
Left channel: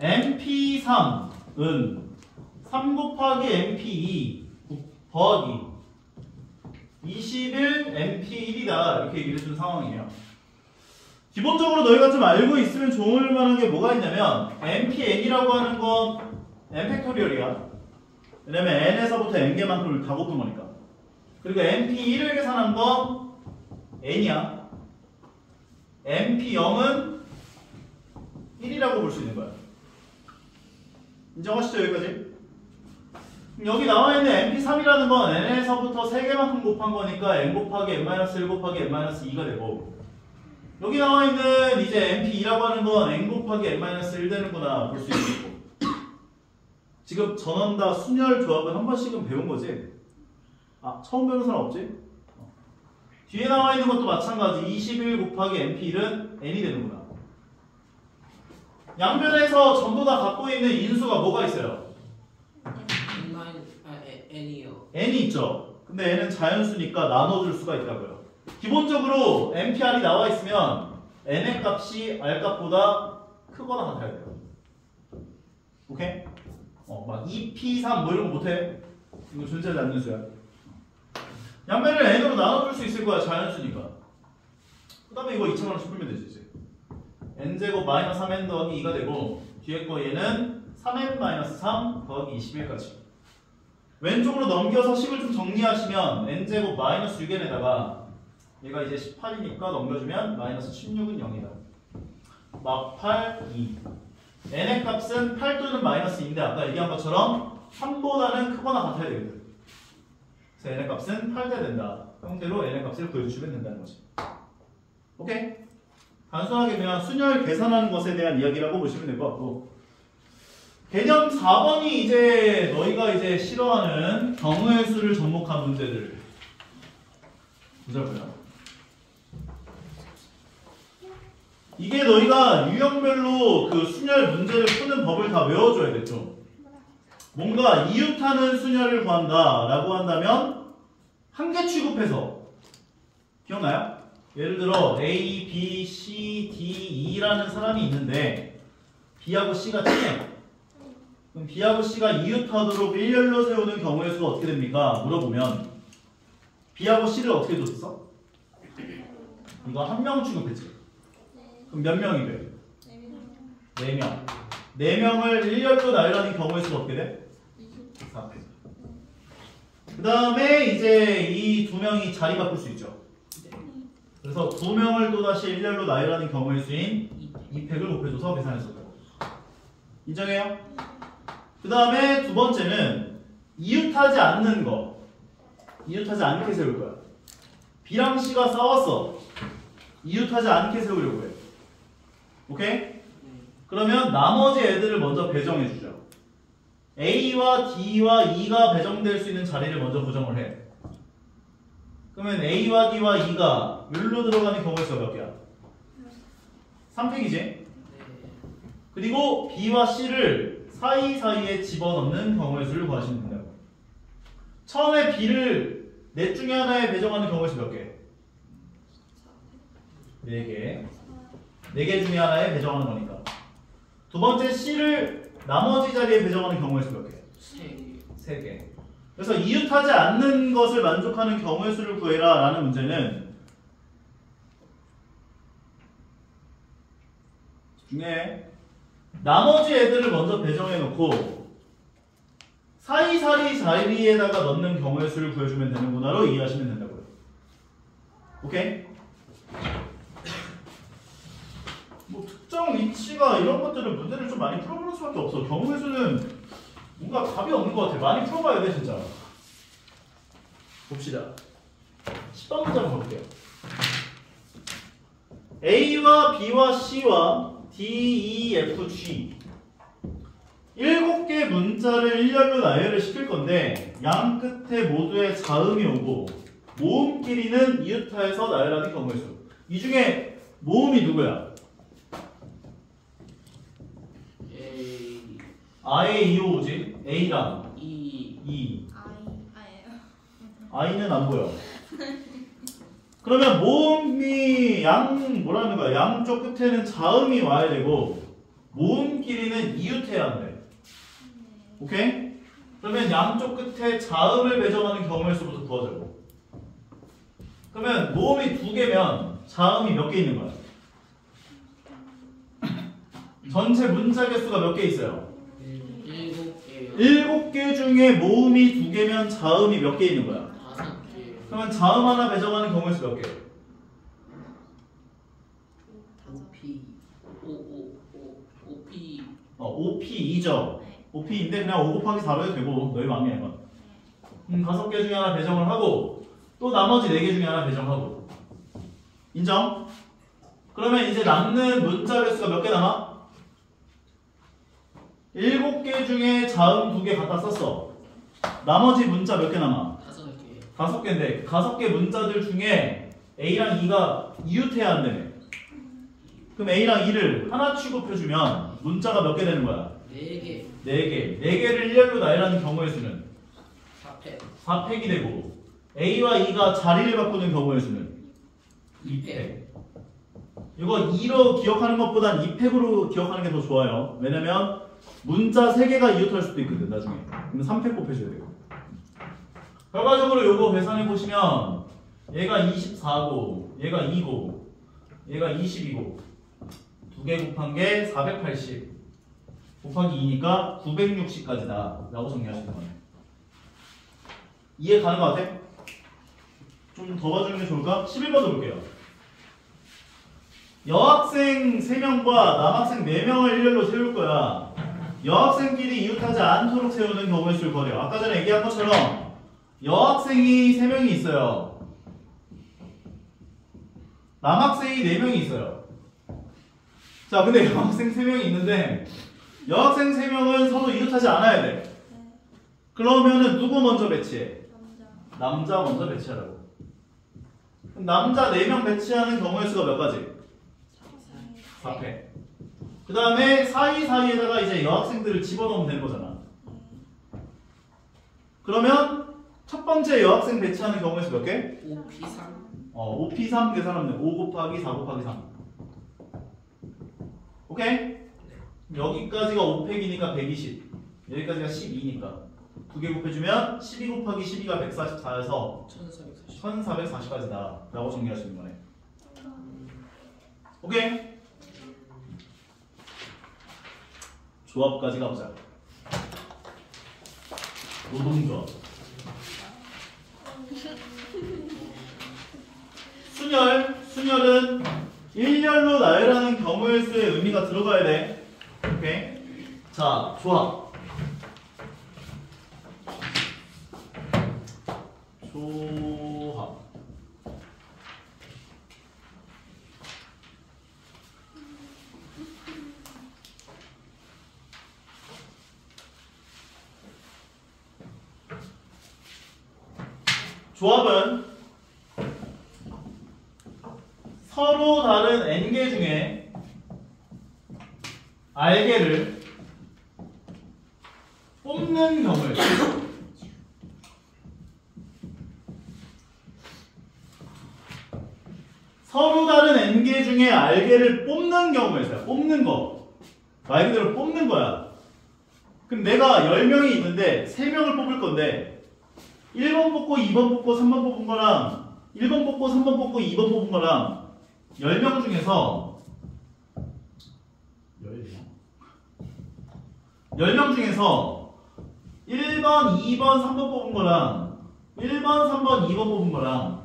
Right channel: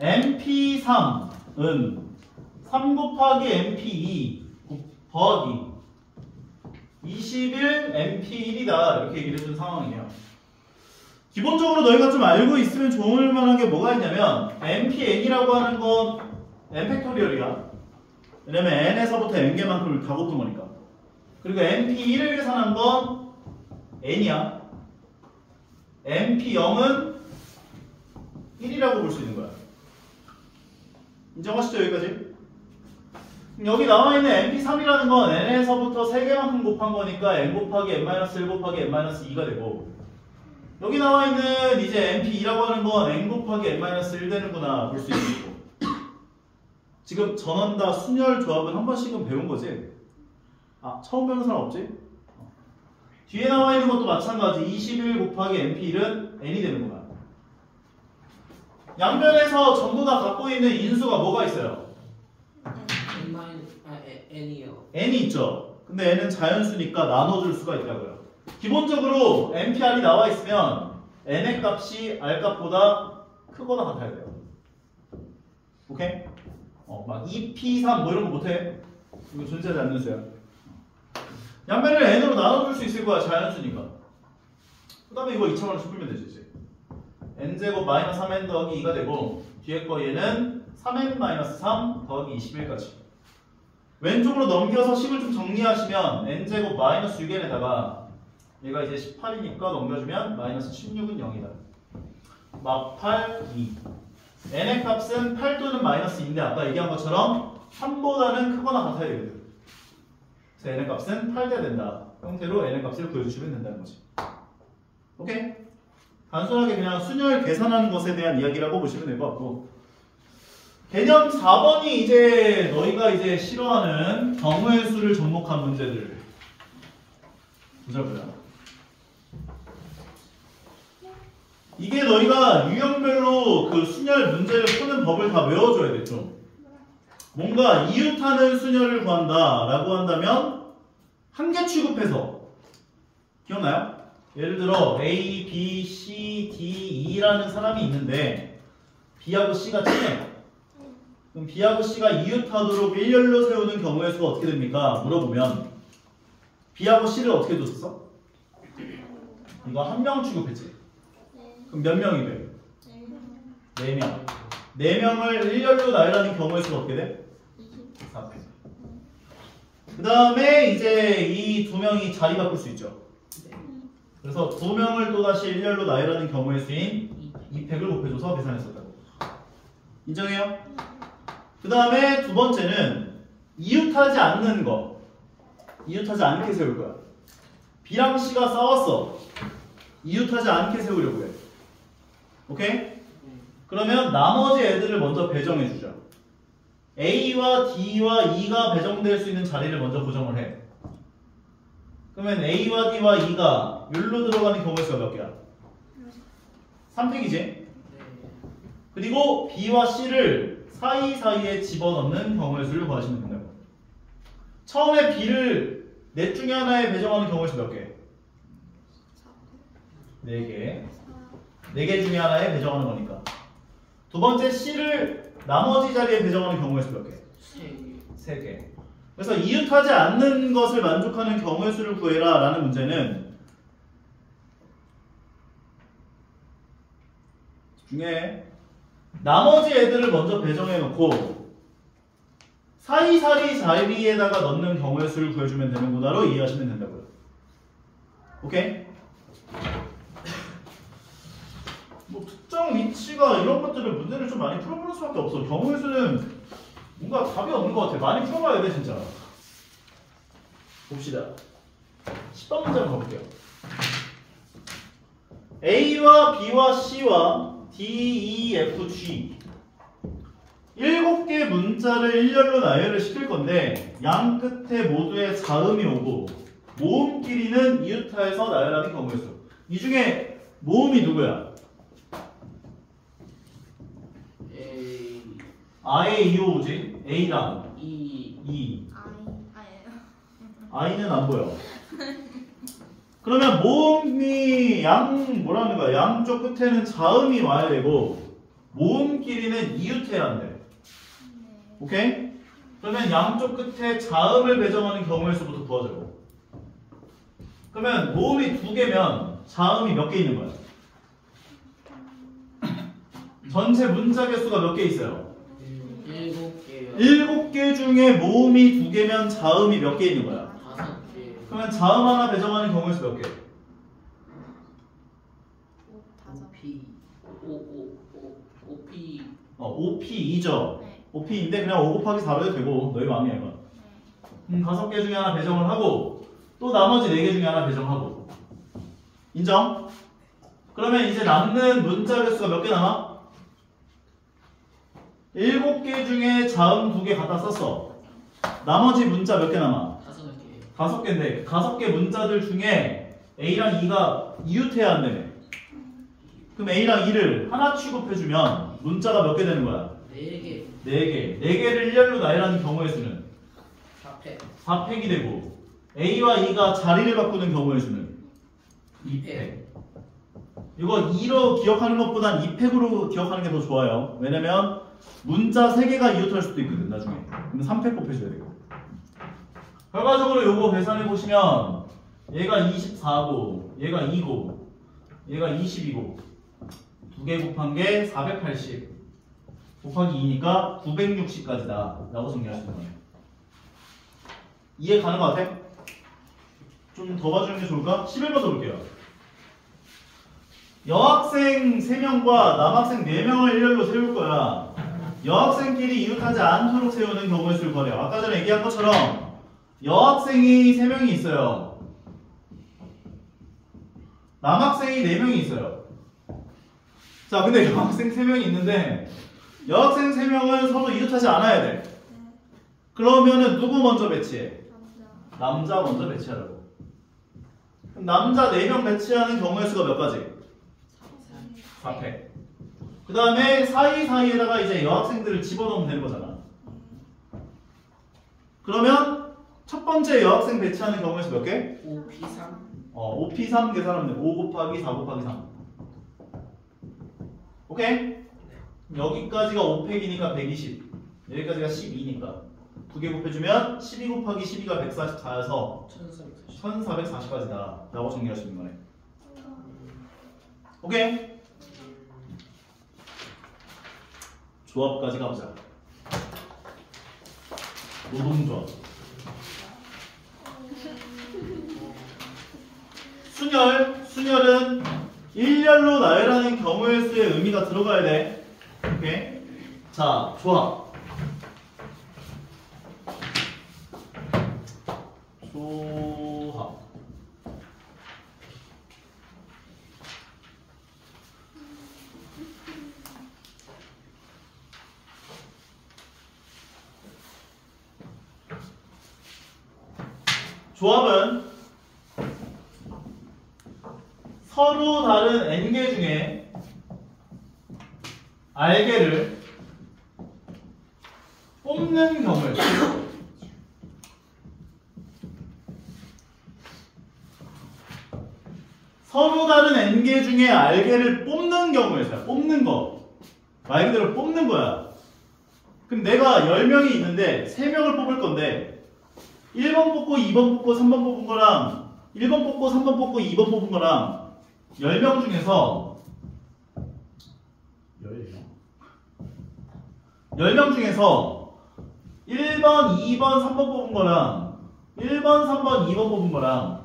MP3은 3 곱하기 MP2 더하기 21 MP1이다 이렇게 얘기를 해준 상황이에요. 기본적으로 너희가 좀 알고 있으면 좋을 만한 게 뭐가 있냐면 MPN이라고 하는 건 n 팩토리얼이야. 왜냐면 n에서부터 n개만큼을 다 곱한 거니까. 그리고 MP1을 계산한 건 n이야. MP0은 1이라고 볼 수 있는 거야. 인정하시죠 여기까지? 여기 나와 있는 MP3이라는 건 n에서부터 3개만큼 곱한 거니까 n 곱하기 n-1 곱하기 n-2가 되고, 여기 나와 있는 이제 MP2라고 하는 건 n 곱하기 n-1 되는구나 볼 수 있고, 지금 전원 다 순열 조합은 한 번씩은 배운 거지? 아, 처음 배우는 사람 없지? 뒤에 나와 있는 것도 마찬가지. 21 곱하기 MP1은 n이 되는구나. 양변에서 전부 다 갖고 있는 인수가 뭐가 있어요? n이요. n이 있죠. 근데 n은 자연수니까 나눠줄 수가 있다고요. 기본적으로 NPR이 나와 있으면 n의 값이 r 값보다 크거나 같아야 돼요. 오케이? 막 2p3 뭐 이런 거 못해. 이거 존재하지 않는 수야. 양변을 n으로 나눠줄 수 있을 거야. 자연수니까. 그 다음에 이거 2차원을 풀면 되지 이제. n제곱 마이너스 3n 더하기 2가 되고, 뒤에 거 얘는 3n 마이너스 3 더하기 21까지. 왼쪽으로 넘겨서 식을 좀 정리하시면 n제곱 마이너스 6n에다가 얘가 이제 18이니까 넘겨주면 마이너스 16은 0이다. 막 8, 2. n의 값은 8 또는 마이너스 2인데 아까 얘기한 것처럼 3보다는 크거나 같아야 되거든. 그래서 n의 값은 8대 된다 형태로 n의 값을 구해주시면 된다는 거지. 오케이? 단순하게 그냥 순열 계산하는 것에 대한 이야기라고 보시면 될 것 같고, 개념 4번이 이제 너희가 이제 싫어하는 경우의 수를 접목한 문제들. 보자고요. 이게 너희가 유형별로 그 순열 문제를 푸는 법을 다 외워줘야겠죠. 뭔가 이웃하는 순열을 구한다라고 한다면 한 개 취급해서, 기억나요? 예를 들어 A, B, C, D, E라는 사람이 있는데 B하고 C가 친해요. 그럼 B하고 C가 이웃하도록 일렬로 세우는 경우의 수가 어떻게 됩니까? 물어보면 B하고 C를 어떻게 줬어? 이거 한 명 취급했지? 그럼 몇 명이 돼? 4명. 4명을 일렬로 나열하는 경우의 수가 어떻게 돼? 4. 그 다음에 이제 이 2명이 자리 바꿀 수 있죠. 그래서 2명을 또다시 일렬로 나열하는 경우의 수인 2팩을 곱해줘서 계산했었다고. 인정해요? 그 다음에 두 번째는 이웃하지 않는 거. 이웃하지 않게 세울 거야. B랑 C가 싸웠어. 이웃하지 않게 세우려고 해. 오케이? 그러면 나머지 애들을 먼저 배정해주죠. A와 D와 E가 배정될 수 있는 자리를 먼저 고정을 해. 그러면 A와 D와 E가 율로 들어가는 경우의 수가 몇 개야? 3팩이지? 그리고 B와 C를 사이사이에 집어넣는 경우의 수를 구하시면 된다고. 처음에 B를 넷 중에 하나에 배정하는 경우의 수 몇 개? 4개. 4개 중에 하나에 배정하는 거니까. 두 번째 C를 나머지 자리에 배정하는 경우의 수 몇 개? 3개. 그래서 이웃하지 않는 것을 만족하는 경우의 수를 구해라 라는 문제는, 집중해. 나머지 애들을 먼저 배정해 놓고 사이사이 자리에다가 넣는 경우의 수를 구해주면 되는구나로 이해하시면 된다고요. 오케이? 뭐 특정 위치가 이런 것들을 문제를 좀 많이 풀어보는 수밖에 없어. 경우의 수는 뭔가 답이 없는 것 같아. 많이 풀어봐야 돼 진짜. 봅시다. 10번 문제 한번 가볼게요. A와 B와 C와 D, E, F, G 7개 문자를 일렬로 나열을 시킬 건데 양 끝에 모두에 자음이 오고 모음끼리는 이웃하여서 나열하는 경우의 수. 이 중에 모음이 누구야? 아에 이오 오지? A랑 E. I는 안 보여. 그러면 모음이 뭐라는 거야? 양쪽 끝에는 자음이 와야 되고 모음끼리는 이웃해야 한대. 오케이? 그러면 양쪽 끝에 자음을 배정하는 경우의 수부터 구하자고. 그러면 모음이 2개면 자음이 몇 개 있는 거야? 전체 문자 개수가 몇 개 있어요? 7개요. 7개 중에 모음이 2개면 자음이 몇 개 있는 거야? 5개. 그러면 자음 하나 배정하는 경우의 수 몇 개? OP. OP. OP2죠. OP인데 그냥 5 곱하기 4로 해도 되고 너희 마음이야 이건. 5개 중에 하나 배정을 하고 또 나머지 4개 중에 하나 배정하고. 인정? 그러면 이제 남는 문자 개수가 몇 개 남아? 7개 중에 자음 2개 갖다 썼어. 나머지 문자 몇 개 남아? 5개. 5개인데 5개 문자들 중에 A랑 E가 이웃해야 한다며. 그럼 A랑 E를 하나 취급해주면 문자가 몇 개 되는 거야? 4개. 4개. 4개를 일렬로 나열하는 경우의 수는 4팩. 4팩이 되고 A와 E가 자리를 바꾸는 경우의 수는 2팩. 이거 2로 기억하는 것보단 2팩으로 기억하는 게 더 좋아요. 왜냐면 문자 3개가 이웃할 수도 있거든 나중에. 그럼 3팩 곱해줘야 돼요. 결과적으로 요거 계산해 보시면 얘가 24고 얘가 2고 얘가 22고 2개 곱한 게 480 곱하기 2니까 960까지다 라고 정리하시는 거예요. 이해 가는 것 같아? 좀 더 봐주는 게 좋을까? 11번 더 볼게요. 여학생 3명과 남학생 4명을 일렬로 세울 거야. 여학생끼리 이웃하지 않도록 세우는 경우의 수를 구하래요. 아까 전에 얘기한 것처럼 여학생이 3명이 있어요. 남학생이 4명이 있어요. 자, 근데 여학생 3명이 있는데 여학생 3명은 서로 이웃하지 않아야 돼. 그러면은 누구 먼저 배치해? 남자 먼저 배치하라고. 그럼 남자 4명 배치하는 경우의 수가 몇 가지? 4팩. 그 다음에 사이사이에다가 이제 여학생들을 집어넣으면 되는 거잖아. 그러면 첫 번째 여학생 배치하는 경우의 수 몇 개? 5P3. 5P3 계산하면 돼. 5 곱하기 4 곱하기 3. 오케이? 여기까지가 5팩이니까 120. 여기까지가 12니까 2개 곱해주면 12 곱하기 12가 144여서 1440. 1440까지다 라고 정리하시는 거예요. 오케이? 조합까지 가보자. 노동조합. 순열은 일렬로 나열하는 경우의 수의 의미가 들어가야 돼. 오케이? 자, 조합. 조합. 조합은 서로 다른 n개 중에 r개를 뽑는 경우에 서로 다른 n개 중에 r개를 뽑는 경우에서요. 뽑는 거. 말 그대로 뽑는 거야. 그럼 내가 10명이 있는데 3명을 뽑을 건데 1번 뽑고 2번 뽑고 3번 뽑은 거랑 1번 뽑고 3번 뽑고 2번 뽑은 거랑 10명 중에서 10명 중에서 1번, 2번, 3번 뽑은 거랑 1번, 3번, 2번 뽑은 거랑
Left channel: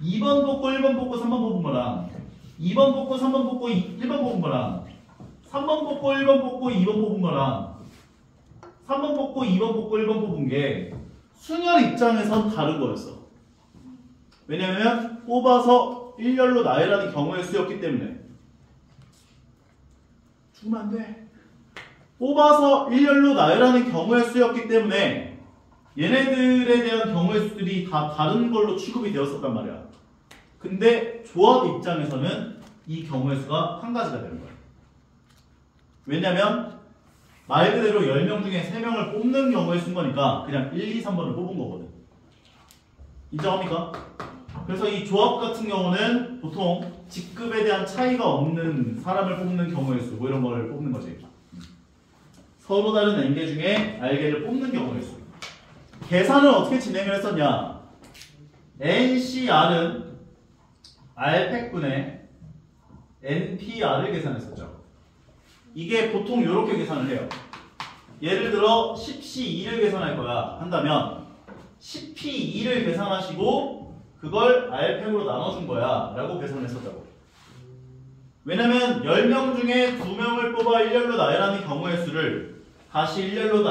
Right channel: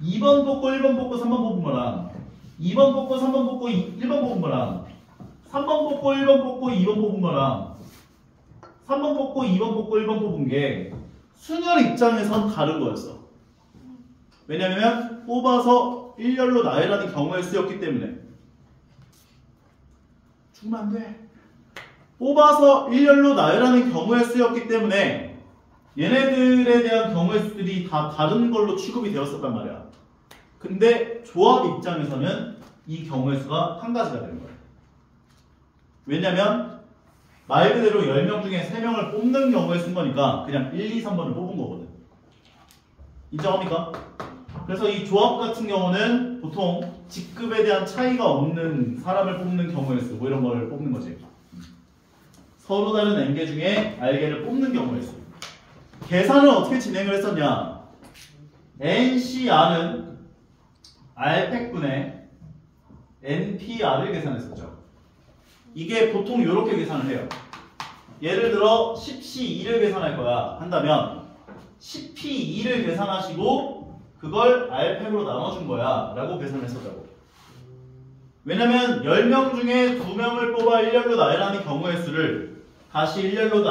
2번 뽑고 1번 뽑고 3번 뽑은 거랑 2번 뽑고 3번 뽑고 1번 뽑은 거랑 3번 뽑고 1번 뽑고 2번 뽑은 거랑 3번 뽑고 2번 뽑고 1번 뽑은 게 순열 입장에선 다른 거였어. 왜냐면 뽑아서 일렬로 나열하는 경우의 수였기 때문에. 죽으면 안 돼. 뽑아서 일렬로 나열하는 경우의 수였기 때문에 얘네들에 대한 경우의 수들이 다 다른 걸로 취급이 되었었단 말이야. 근데 조합 입장에서는 이 경우의 수가 한 가지가 되는 거야. 왜냐면 말 그대로 10명 중에 3명을 뽑는 경우의 수인 거니까 그냥 1, 2, 3번을 뽑은 거거든. 인정합니까? 그래서 이 조합 같은 경우는 보통 직급에 대한 차이가 없는 사람을 뽑는 경우의 수, 뭐 이런 걸 뽑는 거지. 서로 다른 n개 중에 r개를 뽑는 경우의 수. 계산을 어떻게 진행을 했었냐? NCR은 R팩분의 NPR을 계산했었죠. 이게 보통 이렇게 계산을 해요. 예를 들어 10C2를 계산할 거야 한다면 10P2를 계산하시고 그걸 R팩으로 나눠준 거야 라고 계산을 했었다고. 왜냐면 10명 중에 2명을 뽑아 일렬로 나열하는 경우의 수를 다시 일렬로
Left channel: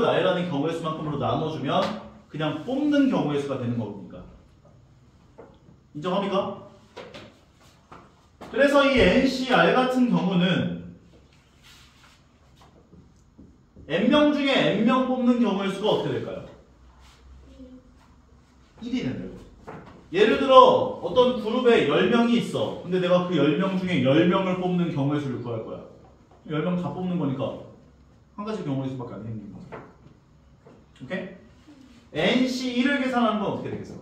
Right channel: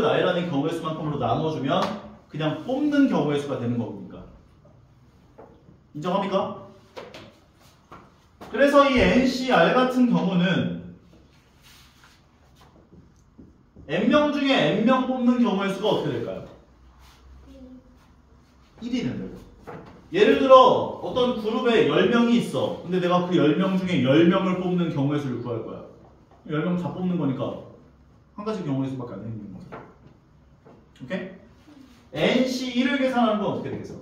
나열하는 경우의 수만큼으로 나눠주면 그냥 뽑는 경우의 수가 되는 거니까. 인정합니까? 그래서 이 NCR 같은 경우는 n명 중에 n명 뽑는 경우의 수가 어떻게 될까요? 1이 된다고. 예를 들어 어떤 그룹에 10명이 있어. 근데 내가 그 10명 중에 10명을 뽑는 경우의 수를 구할 거야. 10명 다 뽑는 거니까 한 가지 경우의 수밖에 안 생기는 거죠. 오케이? NC1을 계산하는 건 어떻게 되겠어?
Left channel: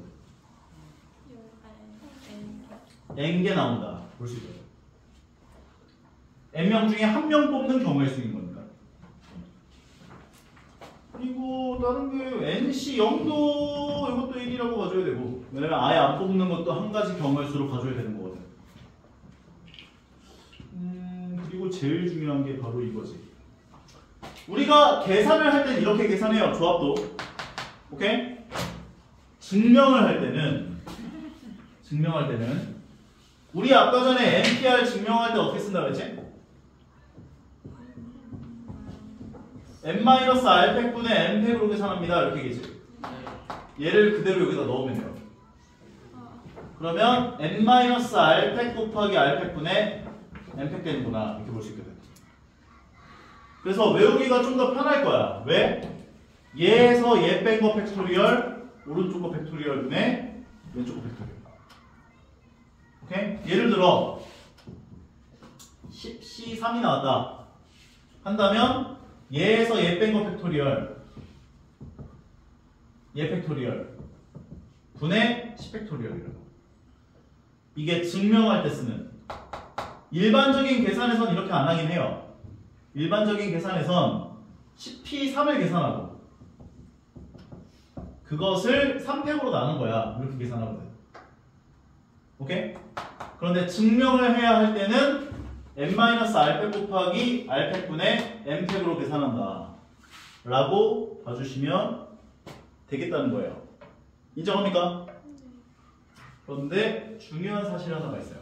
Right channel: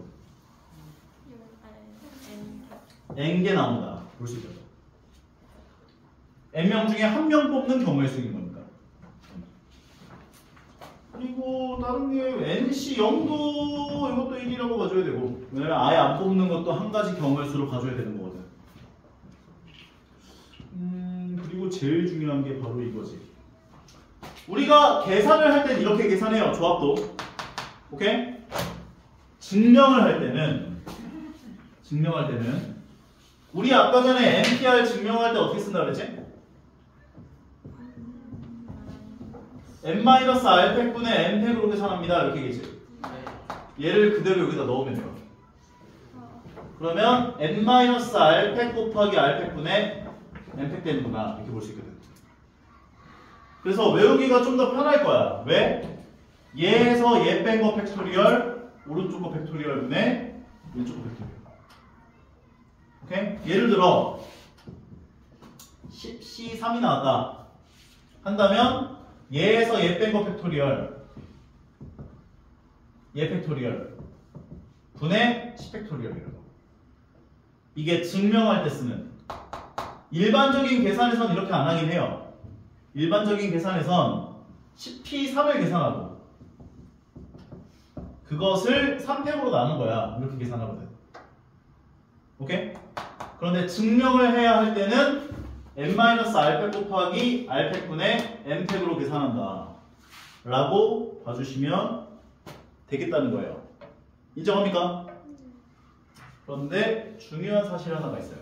n개 나온다. 볼 수 있죠. n명 중에 1명 뽑는 경우의 수인 거니까. 그리고 다른 게 NC0도 이것도 1이라고 가져야 되고, 왜냐면 아예 안 뽑는 것도 한 가지 경우의 수로 가져야 되는 거거든. 그리고 제일 중요한 게 바로 이거지. 우리가 계산을 할 때는 이렇게 계산해요. 조합도. 오케이? 증명할 때는 우리 아까 전에 NPR 증명할 때 어떻게 쓴다 그랬지? n-r팩분의 n팩으로 계산합니다. 이렇게 얘기지. 얘를 그대로 여기다 넣으면 돼요. 그러면 n-r팩 곱하기 r팩분의 n팩 되는구나. 이렇게 볼 수 있거든. 그래서 외우기가 좀 더 편할 거야. 왜? 얘에서 얘 뺀 거 팩토리얼, 오른쪽 거 팩토리얼 분의 왼쪽 거 팩토리얼. 오케이? 예를 들어 10C3이 나왔다 한다면 얘에서 얘 뺀 거 팩토리얼, 얘 팩토리얼 분의 10팩토리얼이라고. 이게 증명할 때 쓰는. 일반적인 계산에선 이렇게 안 하긴 해요. 일반적인 계산에선 10P3을 계산하고 그것을 3팩으로 나눈 거야. 이렇게 계산하거든. 오케이? 그런데 증명을 해야 할 때는 n-r팩 곱하기 r팩분의 n팩으로 계산한다 라고 봐주시면 되겠다는 거예요. 인정합니까? 그런데 중요한 사실 하나가 있어요.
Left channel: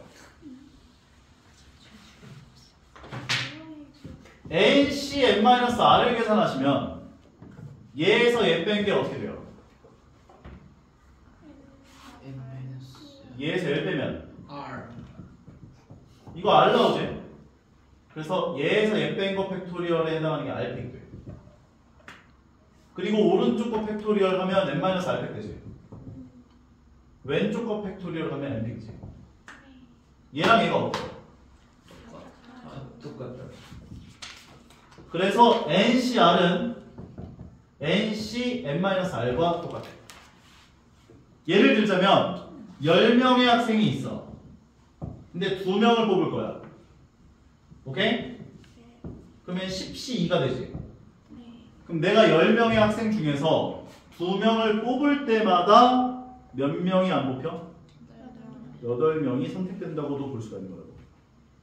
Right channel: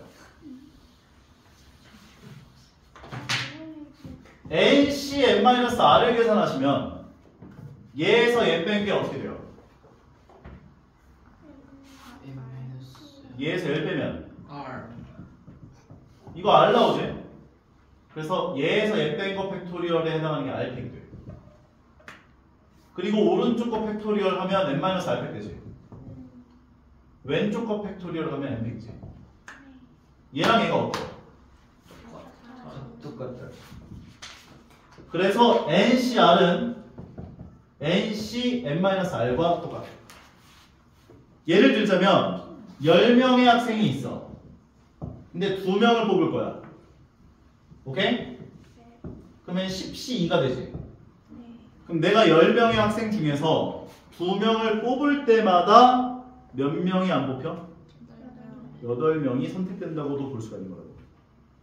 NC n-r을 계산하시면 얘에서 얘 뺀 게 어떻게 돼요? 얘에서 얘 빼면 R. 이거 R 나오지? 그래서 얘에서 얘 뺀 거 팩토리얼에 해당하는 게 R팩이 돼. 그리고 오른쪽 거 팩토리얼 하면 n-r팩 되지. 왼쪽 거 팩토리얼 하면 n팩이지. 얘랑 얘가 어때? 똑같다. 그래서 NCR은 NC n-r과 똑같아. 예를 들자면 10명의 학생이 있어. 근데 2명을 뽑을 거야. 오케이? 그러면 10C2가 되지. 그럼 내가 10명의 학생 중에서 2명을 뽑을 때마다 몇 명이 안 뽑혀? 8명이 선택된다고도 볼 수가 있는 거라고.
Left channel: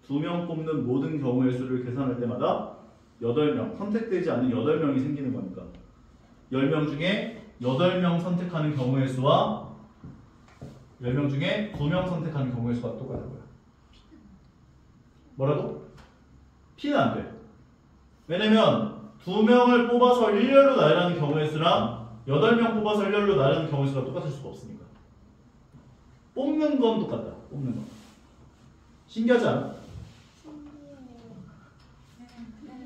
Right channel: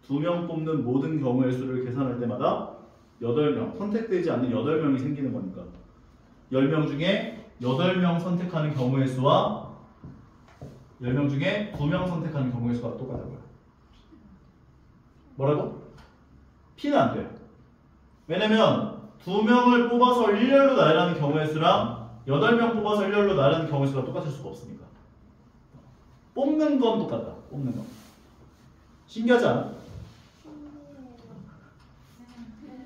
2명 뽑는 모든 경우의 수를 계산할 때마다 8명, 선택되지 않는 8명이 생기는 거니까 10명 중에 8명 선택하는 경우의 수와 10명 중에 2명 선택하는 경우의 수가 똑같은 거야. 뭐라고? P는 안 돼. 왜냐면 2명을 뽑아서 일렬로 나열하는 경우의 수랑 8명 뽑아서 일렬로 나열하는 경우의 수가 똑같을 수가 없으니까. 뽑는 건 똑같다. 뽑는 건. 신기하지 않아?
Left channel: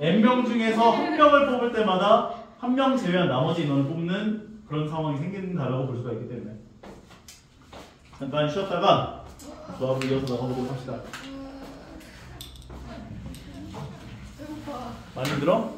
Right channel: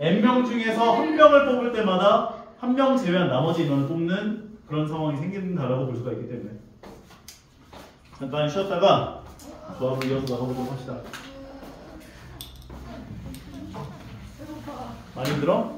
n명 중에서 1명을 뽑을 때마다 1명 제외한 나머지 인원을 뽑는 그런 상황이 생긴다라고 볼 수가 있기 때문에 잠깐 쉬었다가 조합을 이어서 나가보도록 합시다. 많이 힘들어?